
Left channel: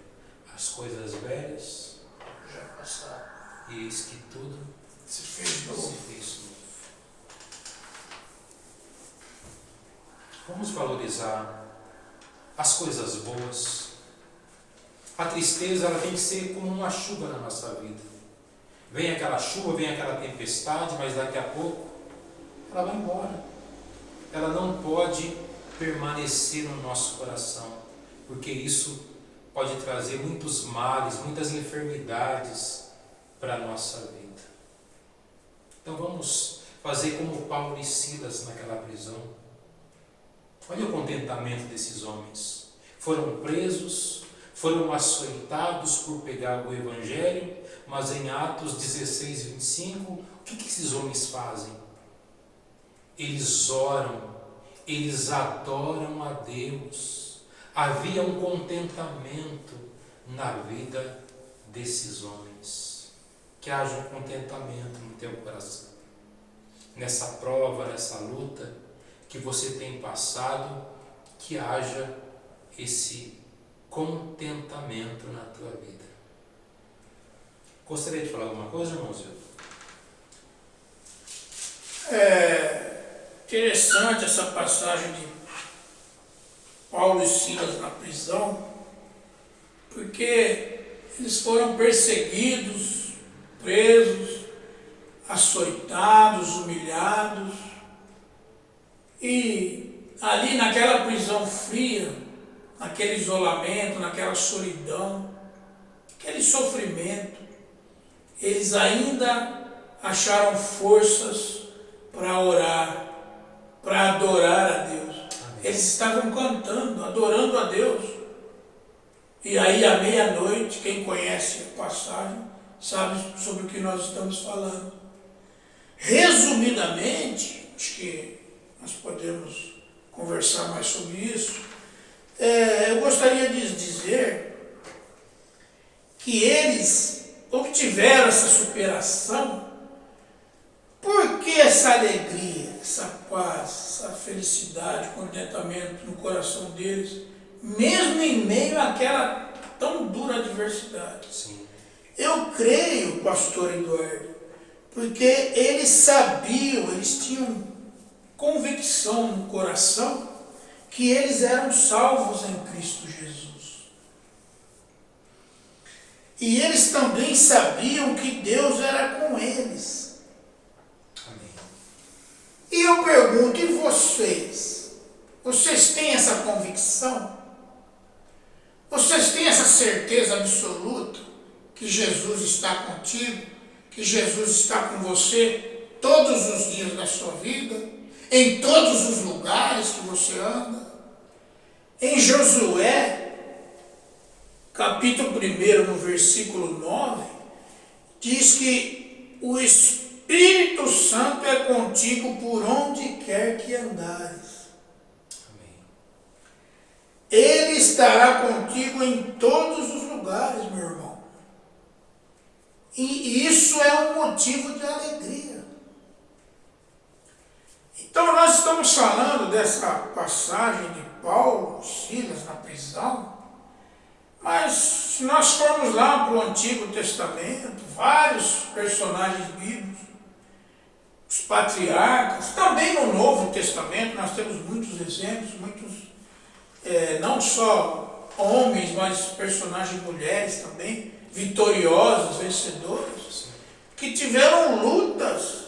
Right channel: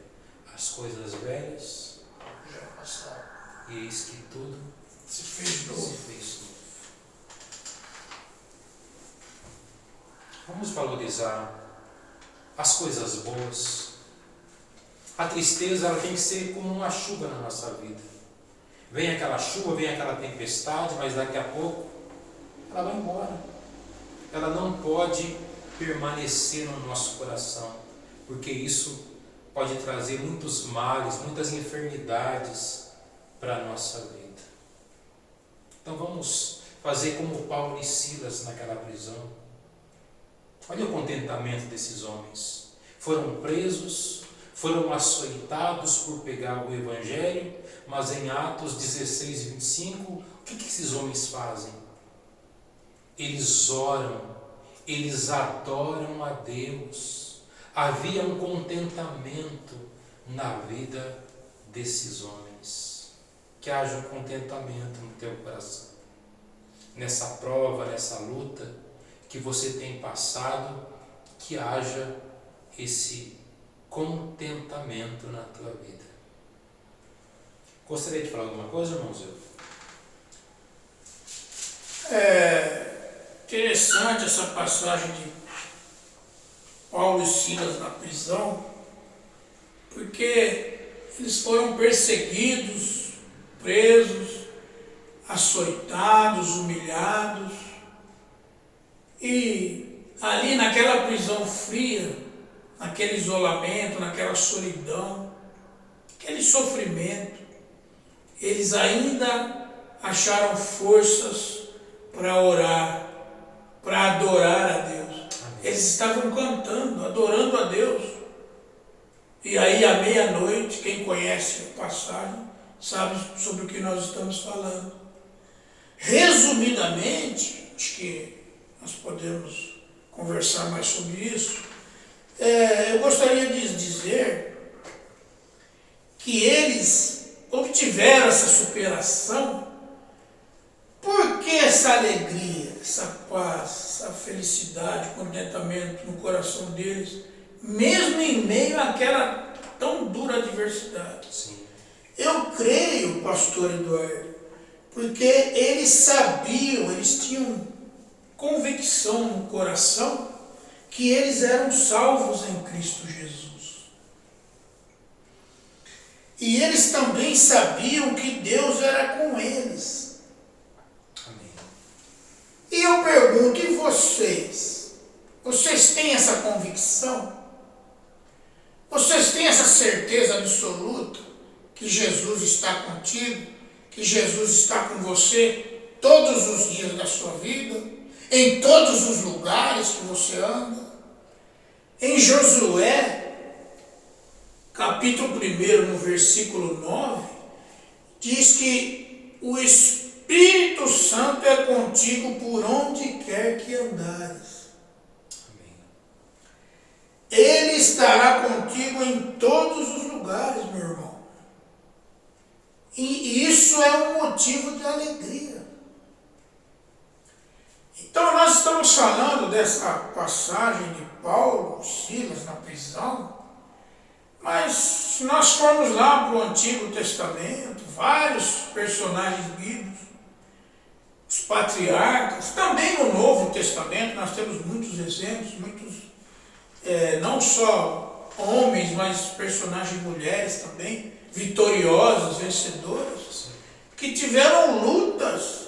As coisas velhas já passaram, e eis que tudo se fez novo. Vamos valorizar as coisas boas. A tristeza, ela tem que ser como uma chuva na nossa vida. Vem aquela chuva, vem aquela tempestade, mas daqui a pouco ela vai embora. Ela não pode permanecer no nosso coração, porque isso pode trazer muitos males, muitas enfermidades para a nossa vida. Então vamos fazer como Paulo e Silas naquela prisão. Olha o contentamento desses homens. Foram presos, foram açoitados por pegar o Evangelho, mas em Atos 16, 25, o que esses homens fazem? Eles oram, eles adoram a Deus. Havia um contentamento na vida desses homens. Que haja um contentamento no teu coração. Nessa prova, nessa luta que você tem passado, que haja esse contentamento na tua vida. Gostaria de falar alguma coisa, irmãozinho? É interessante essa passagem de Paulo e Silas na prisão, porque eles foram perseguidos, presos, açoitados, humilhados, e ali naquela prisão fria, naquele isolamento, naquela solidão, aquele sofrimento, eles ainda acharam forças para orar, para adorar a Deus. Eles estavam cantando, adorando a Deus. E aí, à meia-noite, quem conhece a passagem, sabe sobre o que nós estamos falando. Resumidamente, acho que nós podemos conversar mais sobre isso. Eu gostaria de dizer que eles obtiveram essa superação. Por que essa alegria, essa paz, essa felicidade, contentamento no coração deles, mesmo em meio àquela tão dura adversidade? Sim. Eu creio, pastor Eduardo, porque eles sabiam, eles tinham convicção no coração que eles eram salvos em Cristo Jesus. E eles também sabiam que Deus era com eles. E eu pergunto, e vocês? Vocês têm essa convicção? Vocês têm essa certeza absoluta que Jesus está contigo, que Jesus está com você todos os dias da sua vida, em todos os lugares que você anda? Em Josué, capítulo 1, no versículo 9, diz que o Espírito Santo é contigo por onde quer que andares. Amém. Ele estará contigo em todos os lugares, meu irmão. E isso é um motivo de alegria. Então nós estamos falando dessa passagem de Paulo, Silas na prisão, mas se nós formos lá para o Antigo Testamento, vários personagens bíblicos, os patriarcas, também no Novo Testamento nós temos muitos exemplos, não só homens, mas personagens mulheres também, vitoriosas, vencedoras, que tiveram lutas,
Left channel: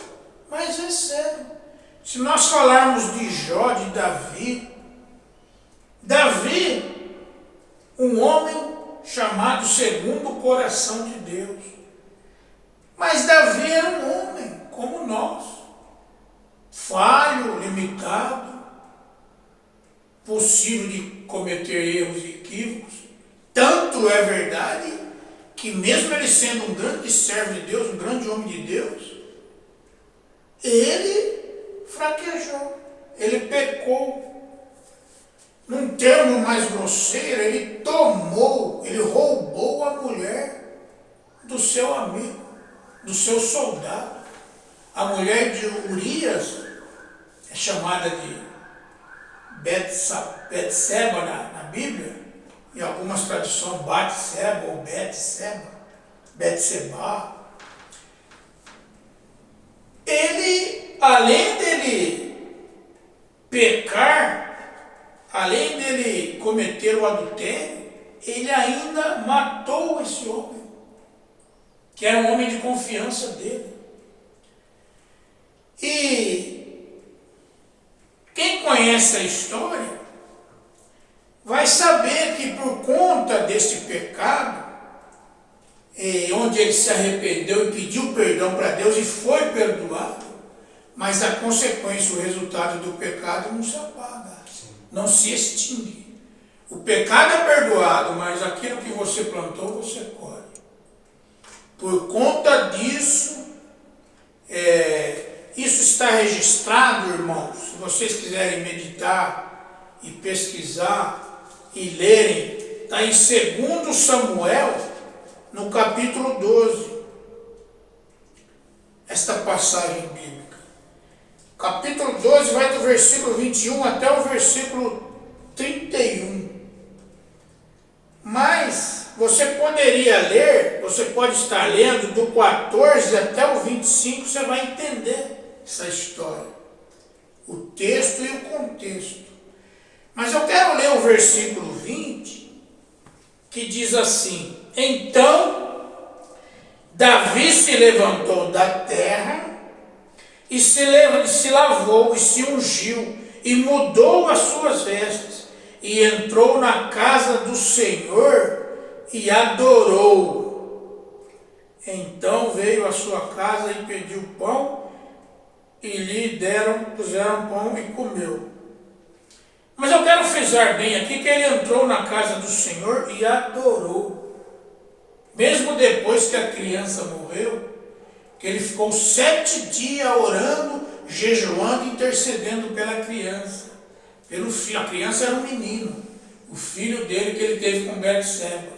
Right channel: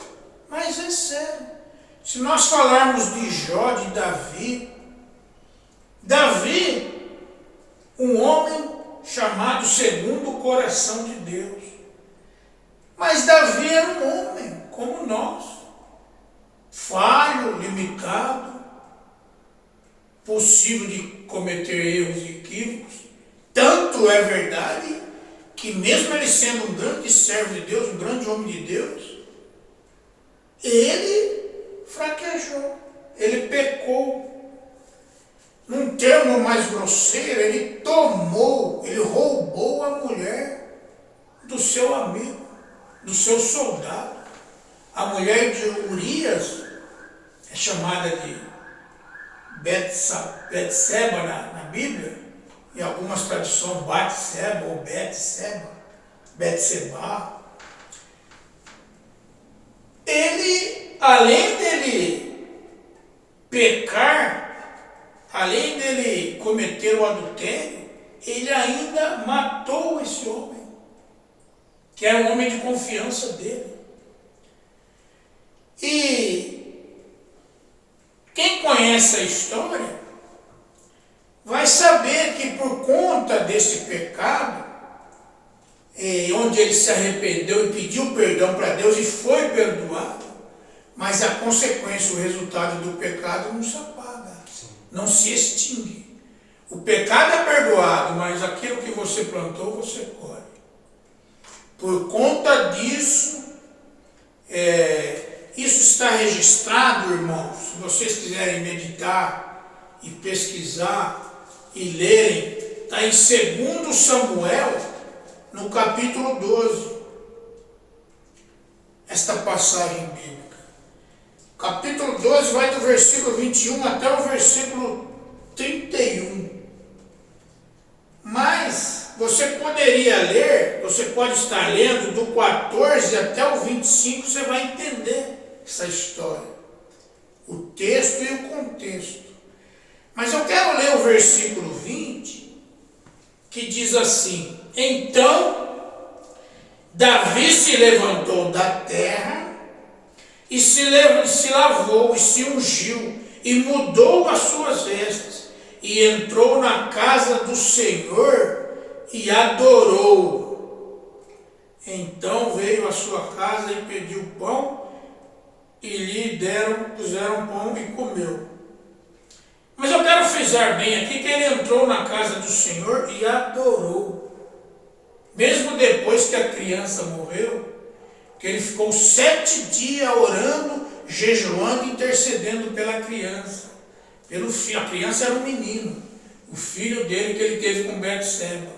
mas venceram. Se nós falarmos de Jó, de Davi, um homem chamado segundo o coração de Deus. Mas Davi era um homem como nós, falho, limitado, possível de cometer erros e equívocos. Tanto é verdade que mesmo ele sendo um grande servo de Deus, um grande homem de Deus, ele fraquejou, ele pecou. Num termo mais grosseiro, ele roubou a mulher do seu amigo, do seu soldado. A mulher de Urias é chamada de Betseba na Bíblia, em algumas traduções Batseba ou Betseba. Ele, além dele pecar, além dele cometer o adultério, ele ainda matou esse homem, que era um homem de confiança dele. E quem conhece a história vai saber que por conta desse pecado, onde ele se arrependeu e pediu perdão para Deus e foi perdoado, mas a consequência, o resultado do pecado não se apaga, não se extingue. O pecado é perdoado, mas aquilo que você plantou, você colhe. Por conta disso, isso está registrado, irmãos. Se vocês quiserem meditar e pesquisar e lerem, está em 2 Samuel, no capítulo 12, esta passagem bíblica. Capítulo 12 vai do versículo 21 até o versículo 31. Mas você poderia ler, você pode estar lendo do 14 até o 25, você vai entender essa história, o texto e o contexto. Mas eu quero ler o versículo 20, que diz assim: Então Davi se levantou da terra e se lavou e se ungiu e mudou as suas vestes e entrou na casa do Senhor e adorou. Então veio à sua casa e pediu pão e lhe puseram pão e comeu. Mas eu quero frisar bem aqui que ele entrou na casa do Senhor e adorou. Mesmo depois que a criança morreu, que ele ficou 7 dias orando, jejuando, intercedendo pela criança. Pelo filho. A criança era um menino, o filho dele que ele teve com Betseba.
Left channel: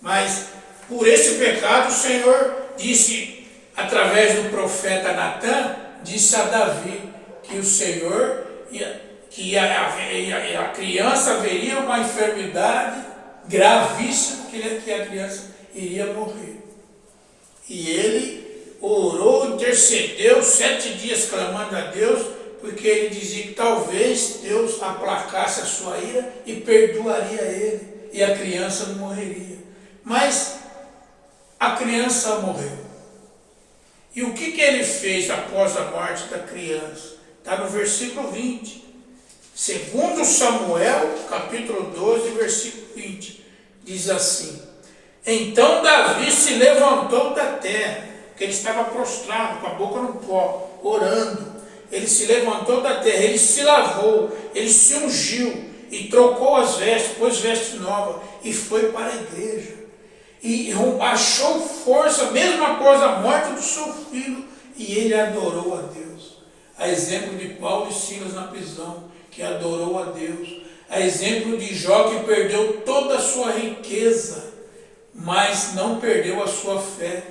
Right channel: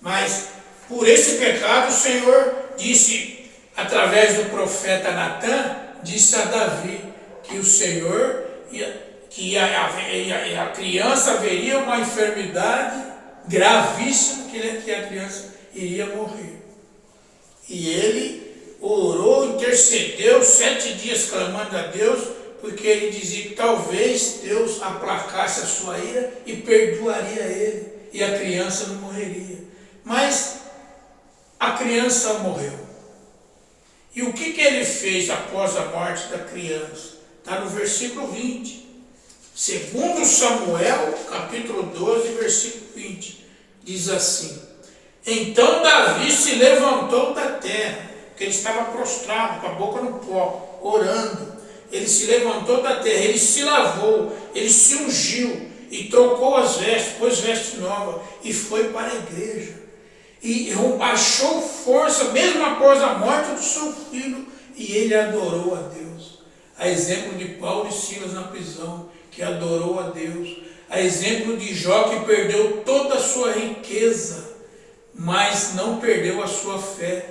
Mas por esse pecado o Senhor disse, através do profeta Natã, disse a Davi que o Senhor, que a criança haveria uma enfermidade gravíssima, que a criança iria morrer. E ele orou, intercedeu 7 dias clamando a Deus, porque ele dizia que talvez Deus aplacasse a sua ira e perdoaria ele, e a criança não morreria. Mas a criança morreu. E o que ele fez após a morte da criança? Está no versículo 20. 2 Samuel, capítulo 12, versículo 20. Diz assim: Então Davi se levantou da terra, porque ele estava prostrado, com a boca no pó, orando. Ele se levantou da terra, ele se lavou, ele se ungiu e trocou as vestes, pôs veste nova e foi para a igreja. E achou força, mesmo após a morte do seu filho, e ele adorou a Deus. A exemplo de Paulo e Silas na prisão, que adorou a Deus. A exemplo de Jó, que perdeu toda a sua riqueza, mas não perdeu a sua fé,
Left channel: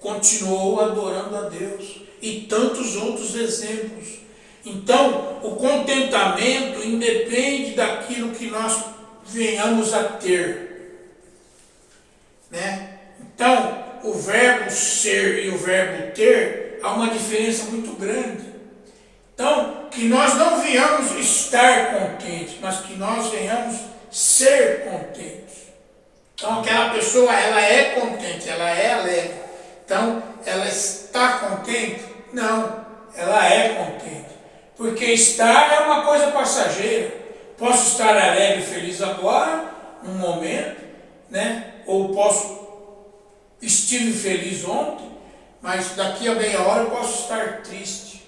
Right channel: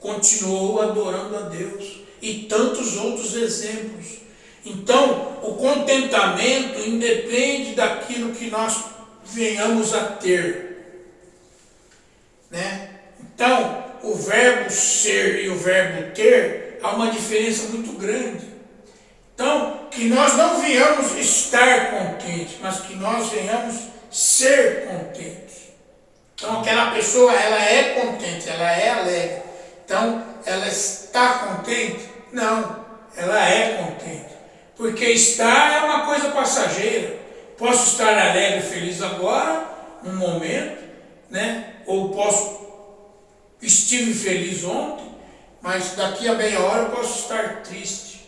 continuou adorando a Deus. E tantos outros exemplos. Então, o contentamento independe daquilo que nós venhamos a ter. Né? Então, o verbo ser e o verbo ter, há uma diferença muito grande. Então, que nós não venhamos estar contentes, mas que nós venhamos ser contentes. Então, aquela pessoa, ela é contente, ela é alegre. Então, ela está contente? Não, ela é contente. Porque estar é uma coisa passageira. Posso estar alegre e feliz agora, num momento, né? Ou estive feliz ontem, mas daqui a meia hora eu posso estar triste.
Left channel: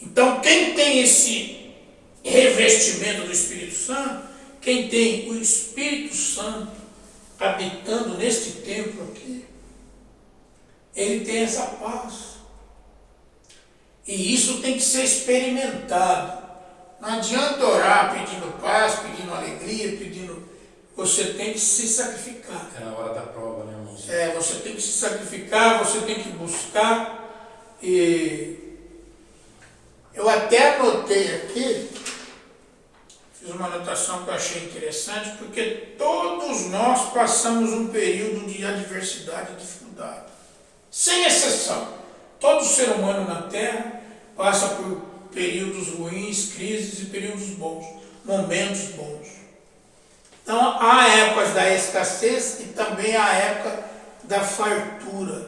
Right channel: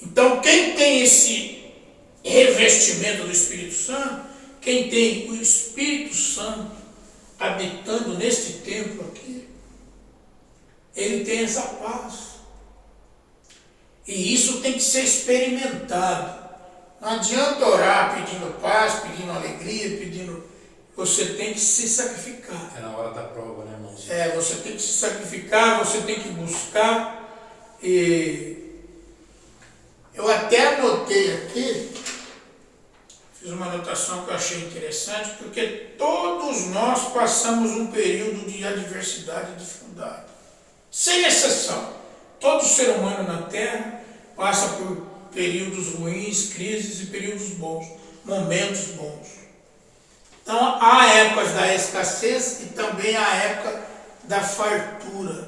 Então, quem tem esse revestimento do Espírito Santo, quem tem o Espírito Santo habitando neste templo aqui, ele tem essa paz. E isso tem que ser experimentado. Não adianta orar pedindo paz, pedindo alegria, pedindo... Você tem que se sacrificar. É na hora da prova, né, irmãozinho? Você tem que se sacrificar, você tem que buscar. E eu até anotei aqui, fiz uma anotação que eu achei interessante, porque todos nós passamos um período de adversidade e dificuldade. Sem exceção. Todo ser humano na Terra passa por períodos ruins, crises e períodos bons, momentos bons. Então, há épocas da escassez e também há época da fartura.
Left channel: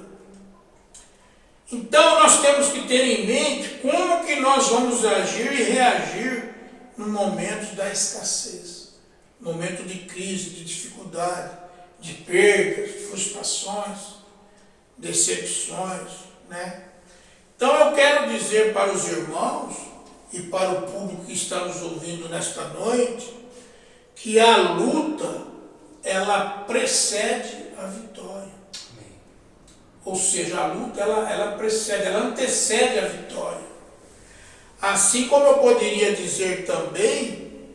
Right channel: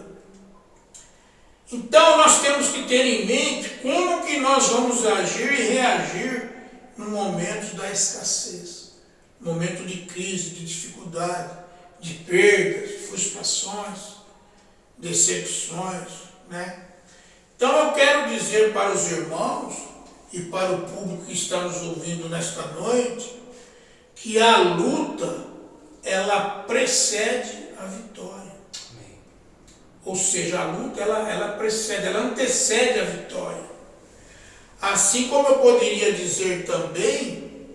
Então, nós temos que ter em mente como que nós vamos agir e reagir no momento da escassez, momento de crise, de dificuldade, de perdas, frustrações, decepções, né? Então, eu quero dizer para os irmãos e para o público que está nos ouvindo nesta noite, que a luta, ela precede a vitória. Amém. Ou seja, a luta, ela precede, ela antecede a vitória. Assim como eu poderia dizer também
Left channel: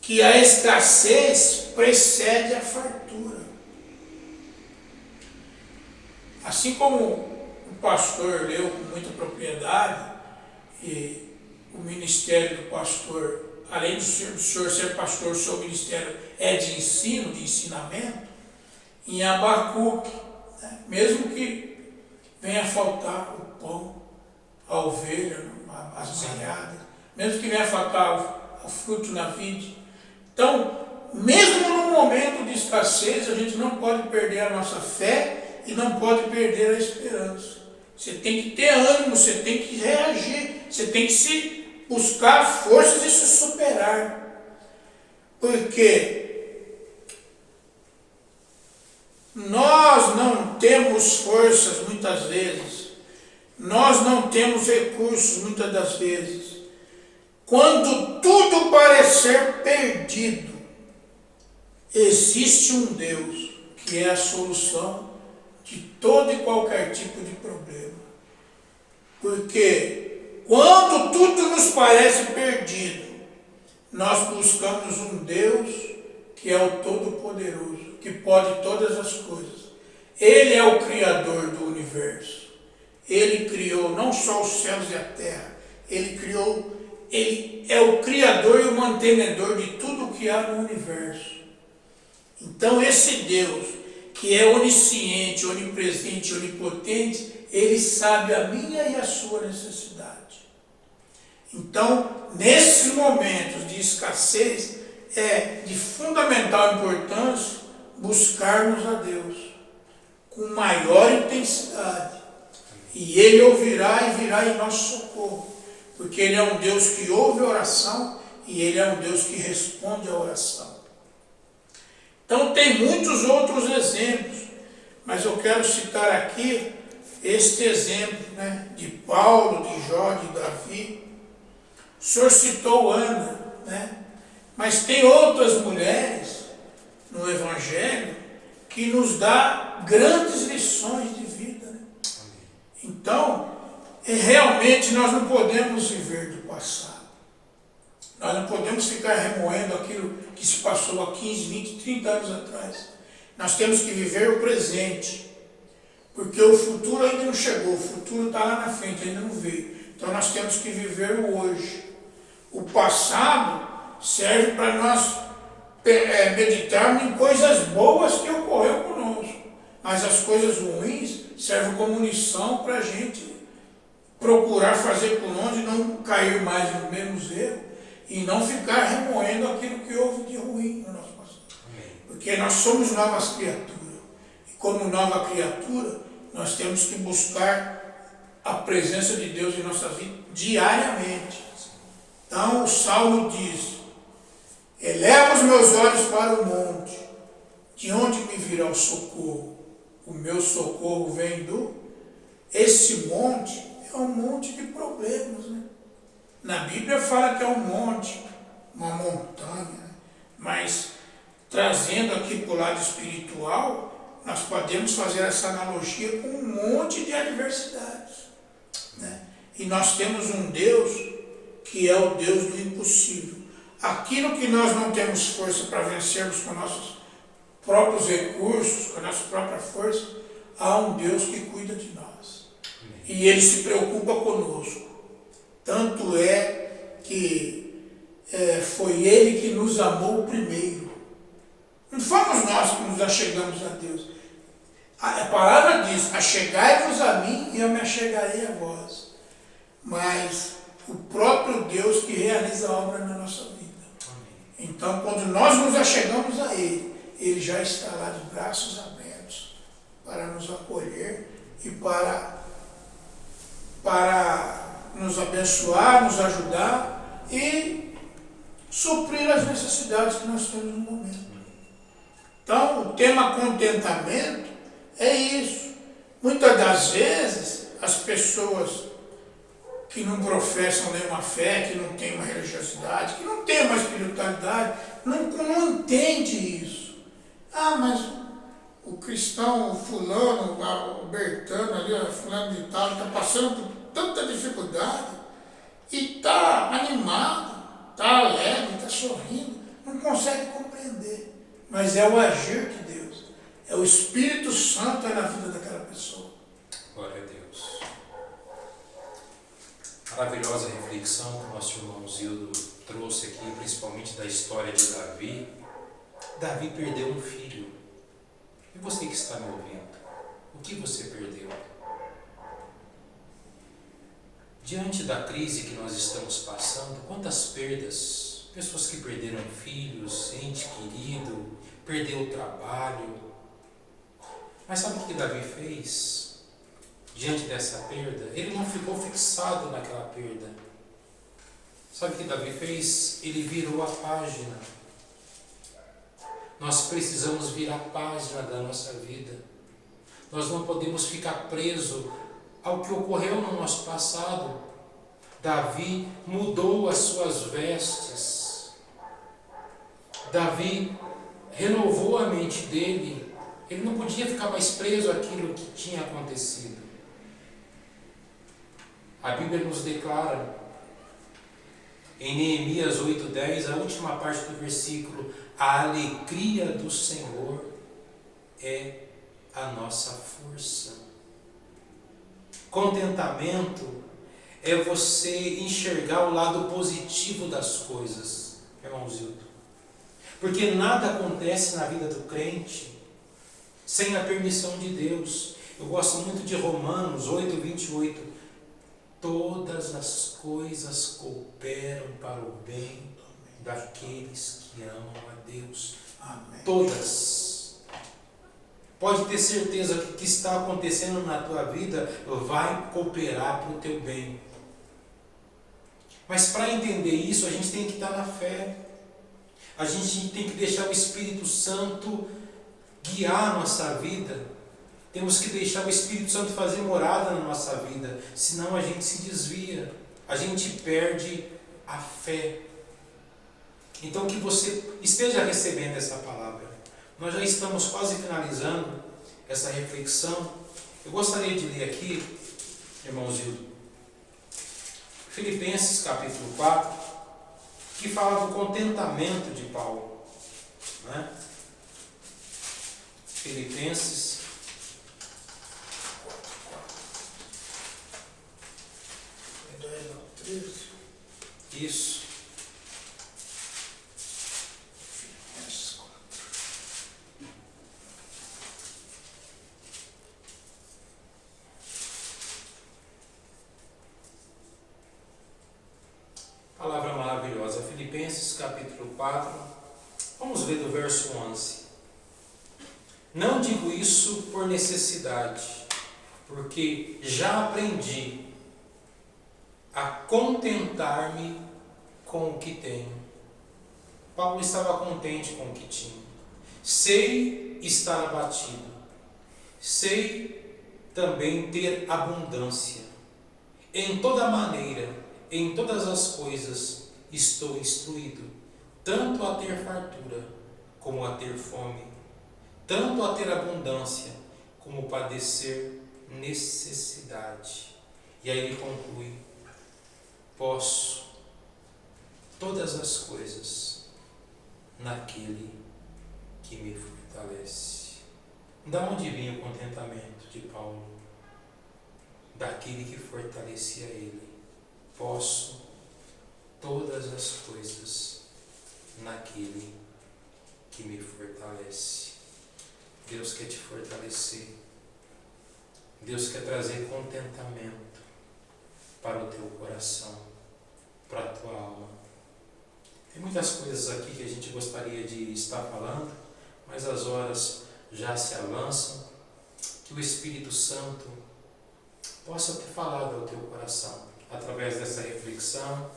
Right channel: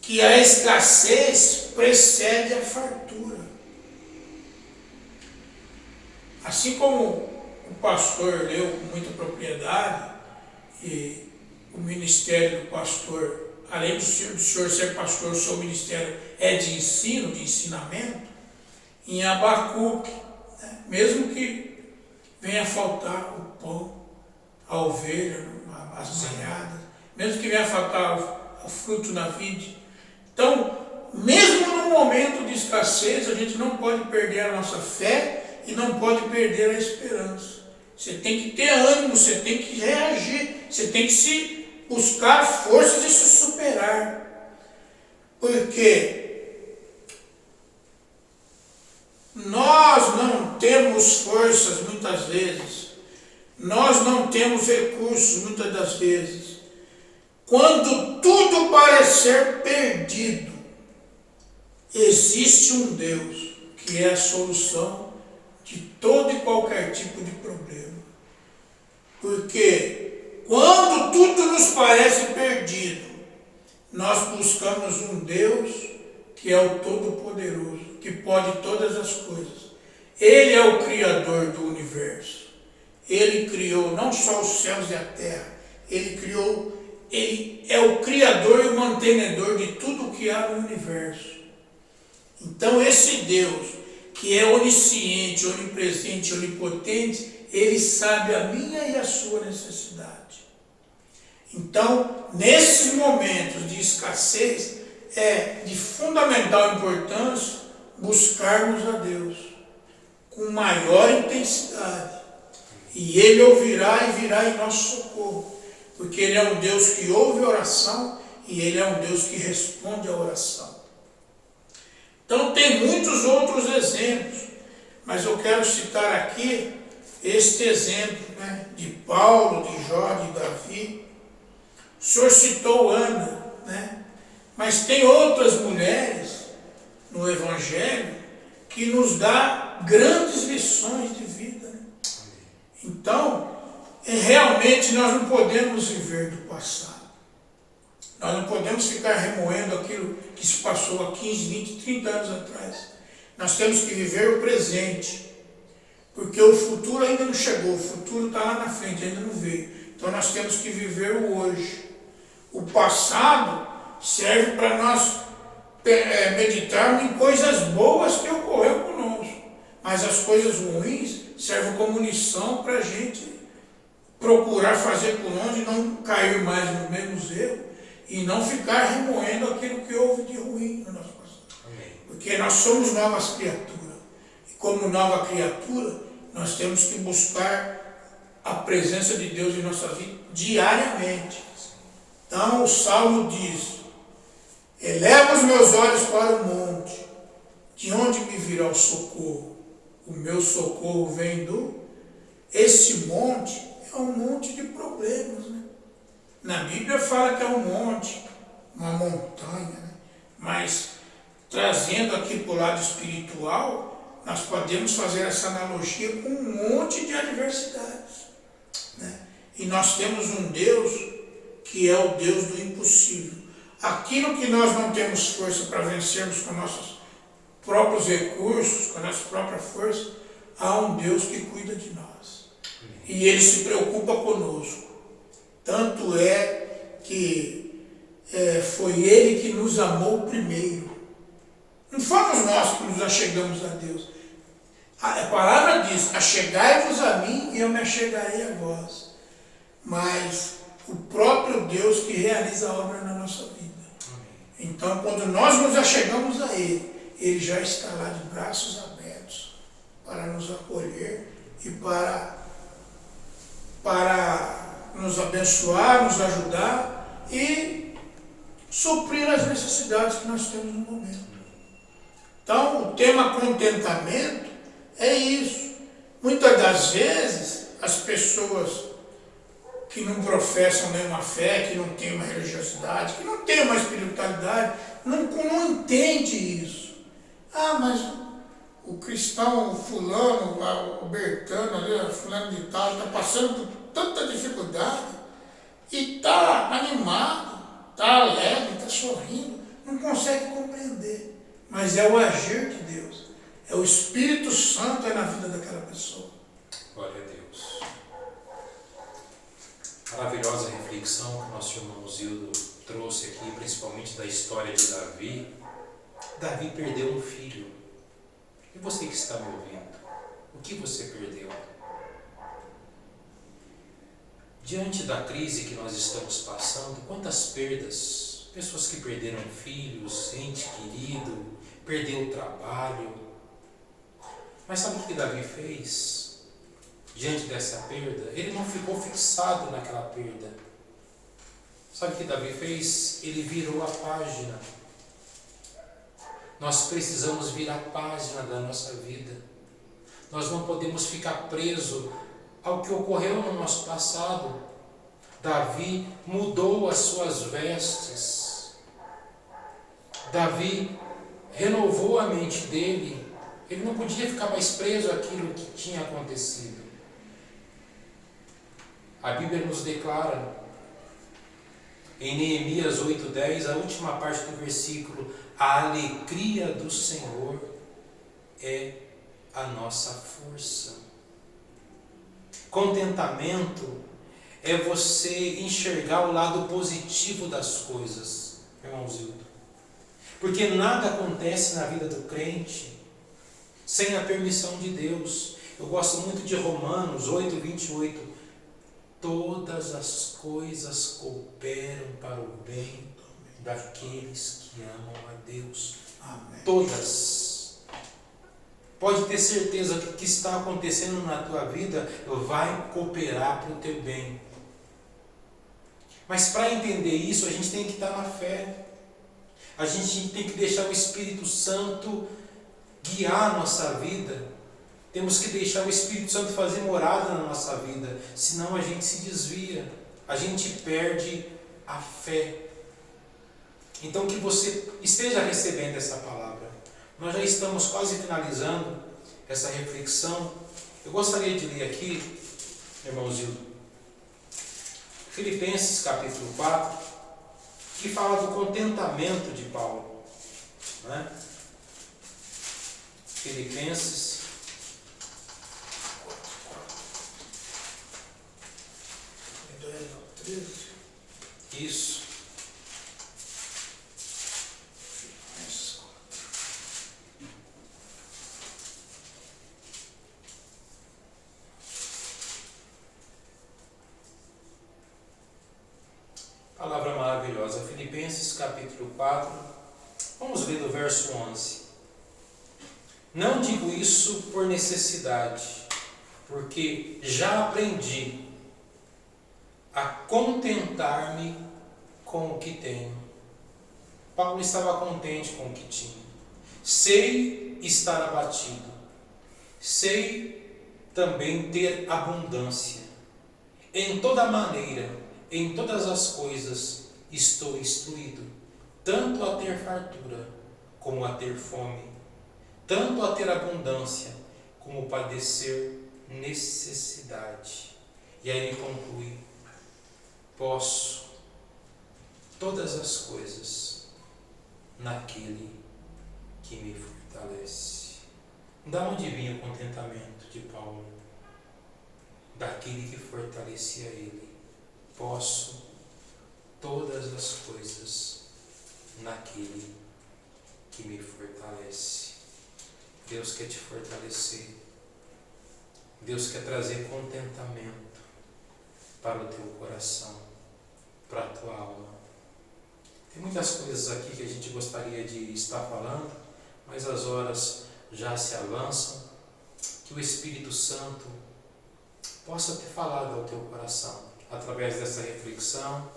que a escassez precede a fartura. Assim como o pastor leu com muita propriedade, e o ministério do pastor, além do senhor ser pastor, o seu ministério é de ensino, de ensinamento, em Abacuque, né? Mesmo que venha faltar o pão, a ovelha, as malhadas, mesmo que venha faltar o fruto na vide. Então, mesmo no momento de escassez, a gente não pode perder a nossa fé e não pode perder a esperança. Você tem que ter ânimo, você tem que reagir, você tem que se buscar forças e se superar. Porque nós não temos forças muitas vezes, nós não temos recursos muitas das vezes. Quando tudo parecer perdido, existe um Deus que é a solução de todo e qualquer tipo de problema. Porque quando tudo nos parece perdido, nós buscamos um Deus que é o Todo-Poderoso, que pode todas as coisas. Ele é o Criador do universo. Ele criou não só os céus e a terra, ele é o Criador e o mantenedor de tudo o que há no universo. Então esse Deus, que é onisciente, onipresente, onipotente, ele sabe a minha e a sua necessidade. Então, nesses momentos de escassez, é de fundamental importância buscarmos a Deus com maior intensidade. E Ele ouvirá e virá em nosso socorro, porque Ele é um Deus que ouve a oração e Ele é um Deus que responde a oração. Então tem muitos outros exemplos, mas eu quero citar aqui este exemplo, né, de Paulo, de Jó, de Davi. O senhor citou Ana, né? Mas tem outras mulheres no Evangelho que nos dá grandes lições de vida. Né? Então, realmente nós não podemos viver do passado. Nós não podemos ficar remoendo aquilo que se passou há 15, 20, 30 anos atrás. Nós temos que viver o presente, porque o futuro ainda não chegou, o futuro está lá na frente, ainda não veio. Então nós temos que viver o hoje. O passado serve para nós meditarmos em coisas boas que ocorreram conosco, mas as coisas ruins serve como lição para a gente procurar fazer por onde, não cair mais nos mesmos erros e não ficar remoendo aquilo que houve de ruim no nosso passado. Porque nós somos novas criaturas. E como nova criatura, nós temos que buscar a presença de Deus em nossa vida diariamente. Então o Salmo diz: eleva os meus olhos para o monte, de onde me virá o socorro? O meu socorro vem do... Esse monte é um monte de problemas, né? Na Bíblia fala que é um monte, uma montanha, né? Mas trazendo aqui para o lado espiritual, nós podemos fazer essa analogia com um monte de adversidades, né? E nós temos um Deus que é o Deus do impossível. Aquilo que nós não temos força para vencermos com nossos próprios recursos, com a nossa própria força, há um Deus que cuida de nós. E Ele se preocupa conosco. Tanto é que foi Ele que nos amou primeiro. Não fomos nós que nos achegamos a Deus. A palavra diz: achegai-vos a mim e eu me achegarei a vós. Mas o próprio Deus que realiza a obra na nossa vida. Então, quando nós nos achegamos a Ele, Ele já está lá de braços abertos para nos acolher e para nos abençoar, nos ajudar e suprir as necessidades que nós temos no momento. Então, o tema contentamento é isso. Muitas das vezes, as pessoas que não professam nenhuma fé, que não têm uma religiosidade, que não têm uma espiritualidade, não entende isso. Ah, mas o cristão, o fulano, o Bertano ali, o fulano de tal, está passando por tanta dificuldade e está animado, está alegre, está sorrindo, não consegue compreender. Mas é o agir de Deus, é o Espírito Santo na vida daquela pessoa. Glória a Deus. Maravilhosa reflexão que o nosso irmão Zildo trouxe aqui, principalmente da história de Davi. Davi perdeu um filho. E você que está me ouvindo, o que você perdeu? Diante da crise que nós estamos passando, quantas perdas? Pessoas que perderam filhos, ente querido, perdeu o trabalho. Mas sabe o que Davi fez? Diante dessa perda, ele não ficou fixado naquela perda. Sabe o que Davi fez? Ele virou a página. Nós precisamos virar a página da nossa vida. Nós não podemos ficar presos ao que ocorreu no nosso passado. Davi mudou as suas vestes. Davi renovou a mente dele. Ele não podia ficar mais preso àquilo que tinha acontecido. A Bíblia nos declara, em Neemias 8:10, a última parte do versículo: a alegria do Senhor é a nossa força. Contentamento é você enxergar o lado positivo das coisas, irmãozinho. Porque nada acontece na vida do crente sem a permissão de Deus. Eu gosto muito de Romanos 8:28. Todas as coisas cooperam para o bem daqueles que amam a Deus. Amém. Todas. Pode ter certeza que o que está acontecendo na tua vida vai cooperar para o teu bem. Mas para entender isso, a gente tem que estar na fé. A gente tem que deixar o Espírito Santo guiar a nossa vida. Temos que deixar o Espírito Santo fazer morada na nossa vida, senão a gente se desvia, a gente perde a fé. Então que você esteja recebendo essa palavra. Nós já estamos quase finalizando essa reflexão. Eu gostaria de ler aqui, irmãozinho, Filipenses capítulo 4, que fala do contentamento de Paulo, né? Filipenses isso. capítulo 4, vamos ler do verso 11. Não digo isso por necessidade, porque já aprendi a contentar-me com o que tenho. Paulo estava contente com o que tinha. Sei estar abatido, sei também ter abundância. Em toda maneira, em todas as coisas, estou instruído, tanto a ter fartura, como a ter fome, tanto a ter abundância, como padecer necessidade. E aí ele conclui: posso todas as coisas naquele que me fortalece. Da onde vinha o contentamento de Paulo? Daquele que fortalecia ele. Posso todas as coisas naquele que me fortalece. Deus quer te fortalecer. Deus quer trazer contentamento para o teu coração, para a tua alma. Tem muitas coisas aqui que a gente gostaria de estar falando, mas as horas já se avançam. Que o Espírito Santo possa ter falado ao teu coração, através dessa reflexão,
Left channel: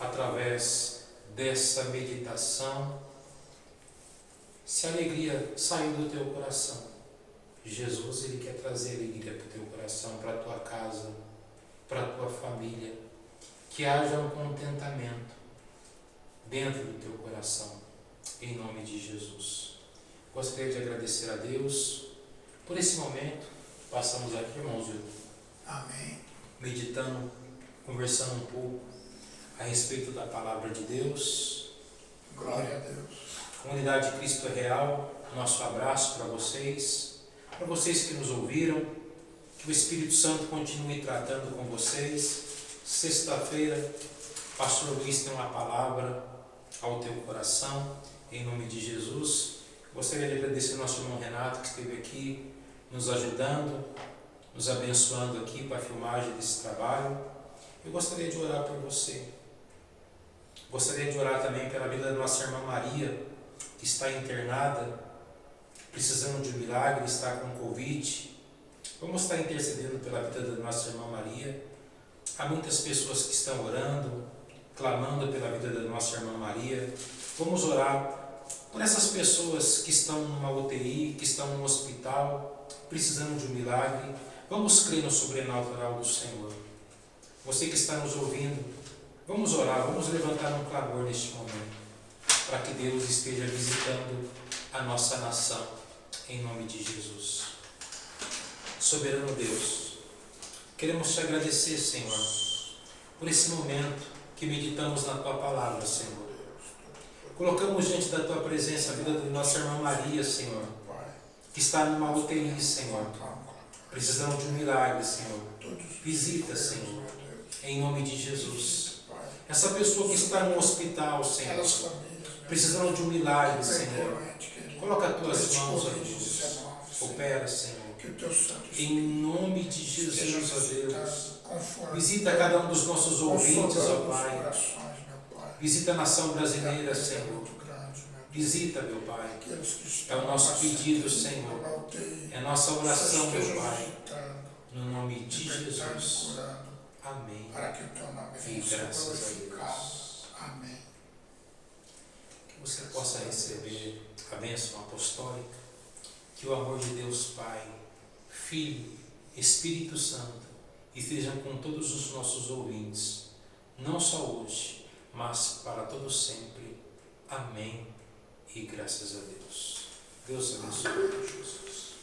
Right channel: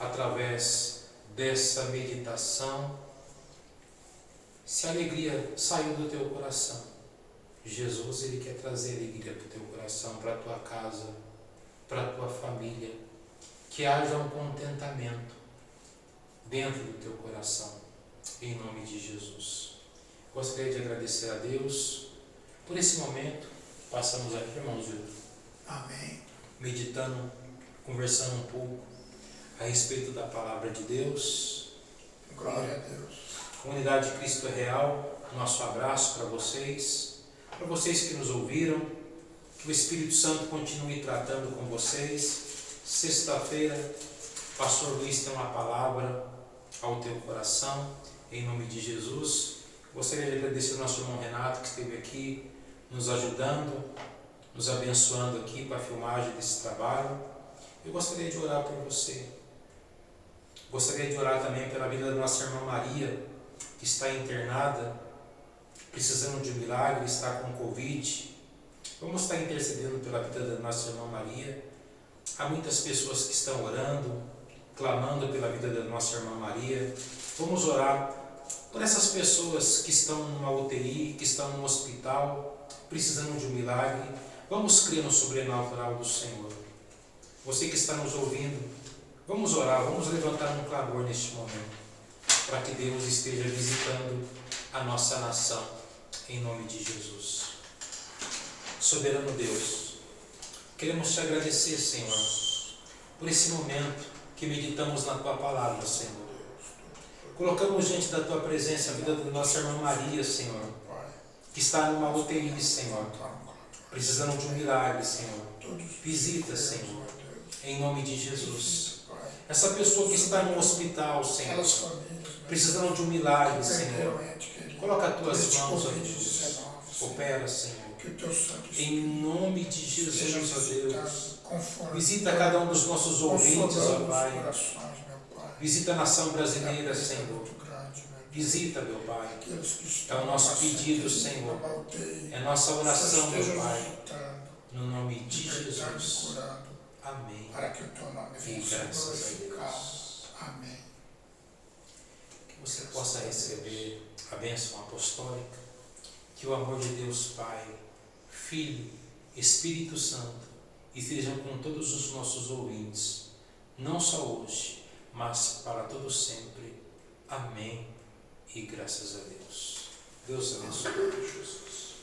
através dessa meditação. Se a alegria saiu do teu coração, Jesus, ele quer trazer alegria para o teu coração, para a tua casa, para a tua família. Que haja um contentamento dentro do teu coração, em nome de Jesus. Gostaria de agradecer a Deus por esse momento. Passamos aqui, irmãos, Amém. meditando, conversando um pouco a respeito da palavra de Deus. Glória a Deus. Comunidade Cristo é Real, nosso abraço para vocês que nos ouviram. Que o Espírito Santo continue tratando com vocês. Sexta-feira, Pastor Luiz tem uma palavra ao teu coração, em nome de Jesus. Gostaria de agradecer ao nosso irmão Renato, que esteve aqui nos ajudando, nos abençoando aqui com a filmagem desse trabalho. Eu gostaria de orar por você. Gostaria de orar também pela vida da nossa irmã Maria, que está internada, precisando de um milagre, está com Covid. Vamos estar intercedendo pela vida da nossa irmã Maria. Há muitas pessoas que estão orando, clamando pela vida da nossa irmã Maria. Vamos orar por essas pessoas que estão numa UTI, que estão num hospital, precisando de um milagre. Vamos crer no sobrenatural do Senhor. Você que está nos ouvindo, vamos orar, vamos levantar um clamor neste momento, para que Deus esteja visitando a nossa nação, em nome de Jesus. Soberano Deus, queremos te agradecer, Senhor, por esse momento que meditamos na Tua Palavra, Senhor. Colocamos diante da Tua presença a vida da nossa irmã Maria, Senhor, que está numa UTI, Senhor, precisando de um milagre, Senhor. Visita, Senhor, em nome de Jesus. Essa pessoa que está no hospital, Senhor, precisando de um milagre, Senhor, coloca as Tuas mãos, ó Deus. Opera, Senhor. Em nome de Jesus, ó Deus. Visita cada um dos nossos ouvintes, ó Pai. Visita a nação brasileira, Senhor. Visita, meu Pai. É o nosso pedido, Senhor. É nossa oração, meu Pai. No nome de Jesus. Amém. Para que o teu nome E graças a Deus. Amém. Que você possa receber a bênção apostólica. Que o amor de Deus Pai, Filho, Espírito Santo estejam com todos os nossos ouvintes, não só hoje, mas para todo sempre. Amém e graças a Deus. Deus abençoe. Jesus.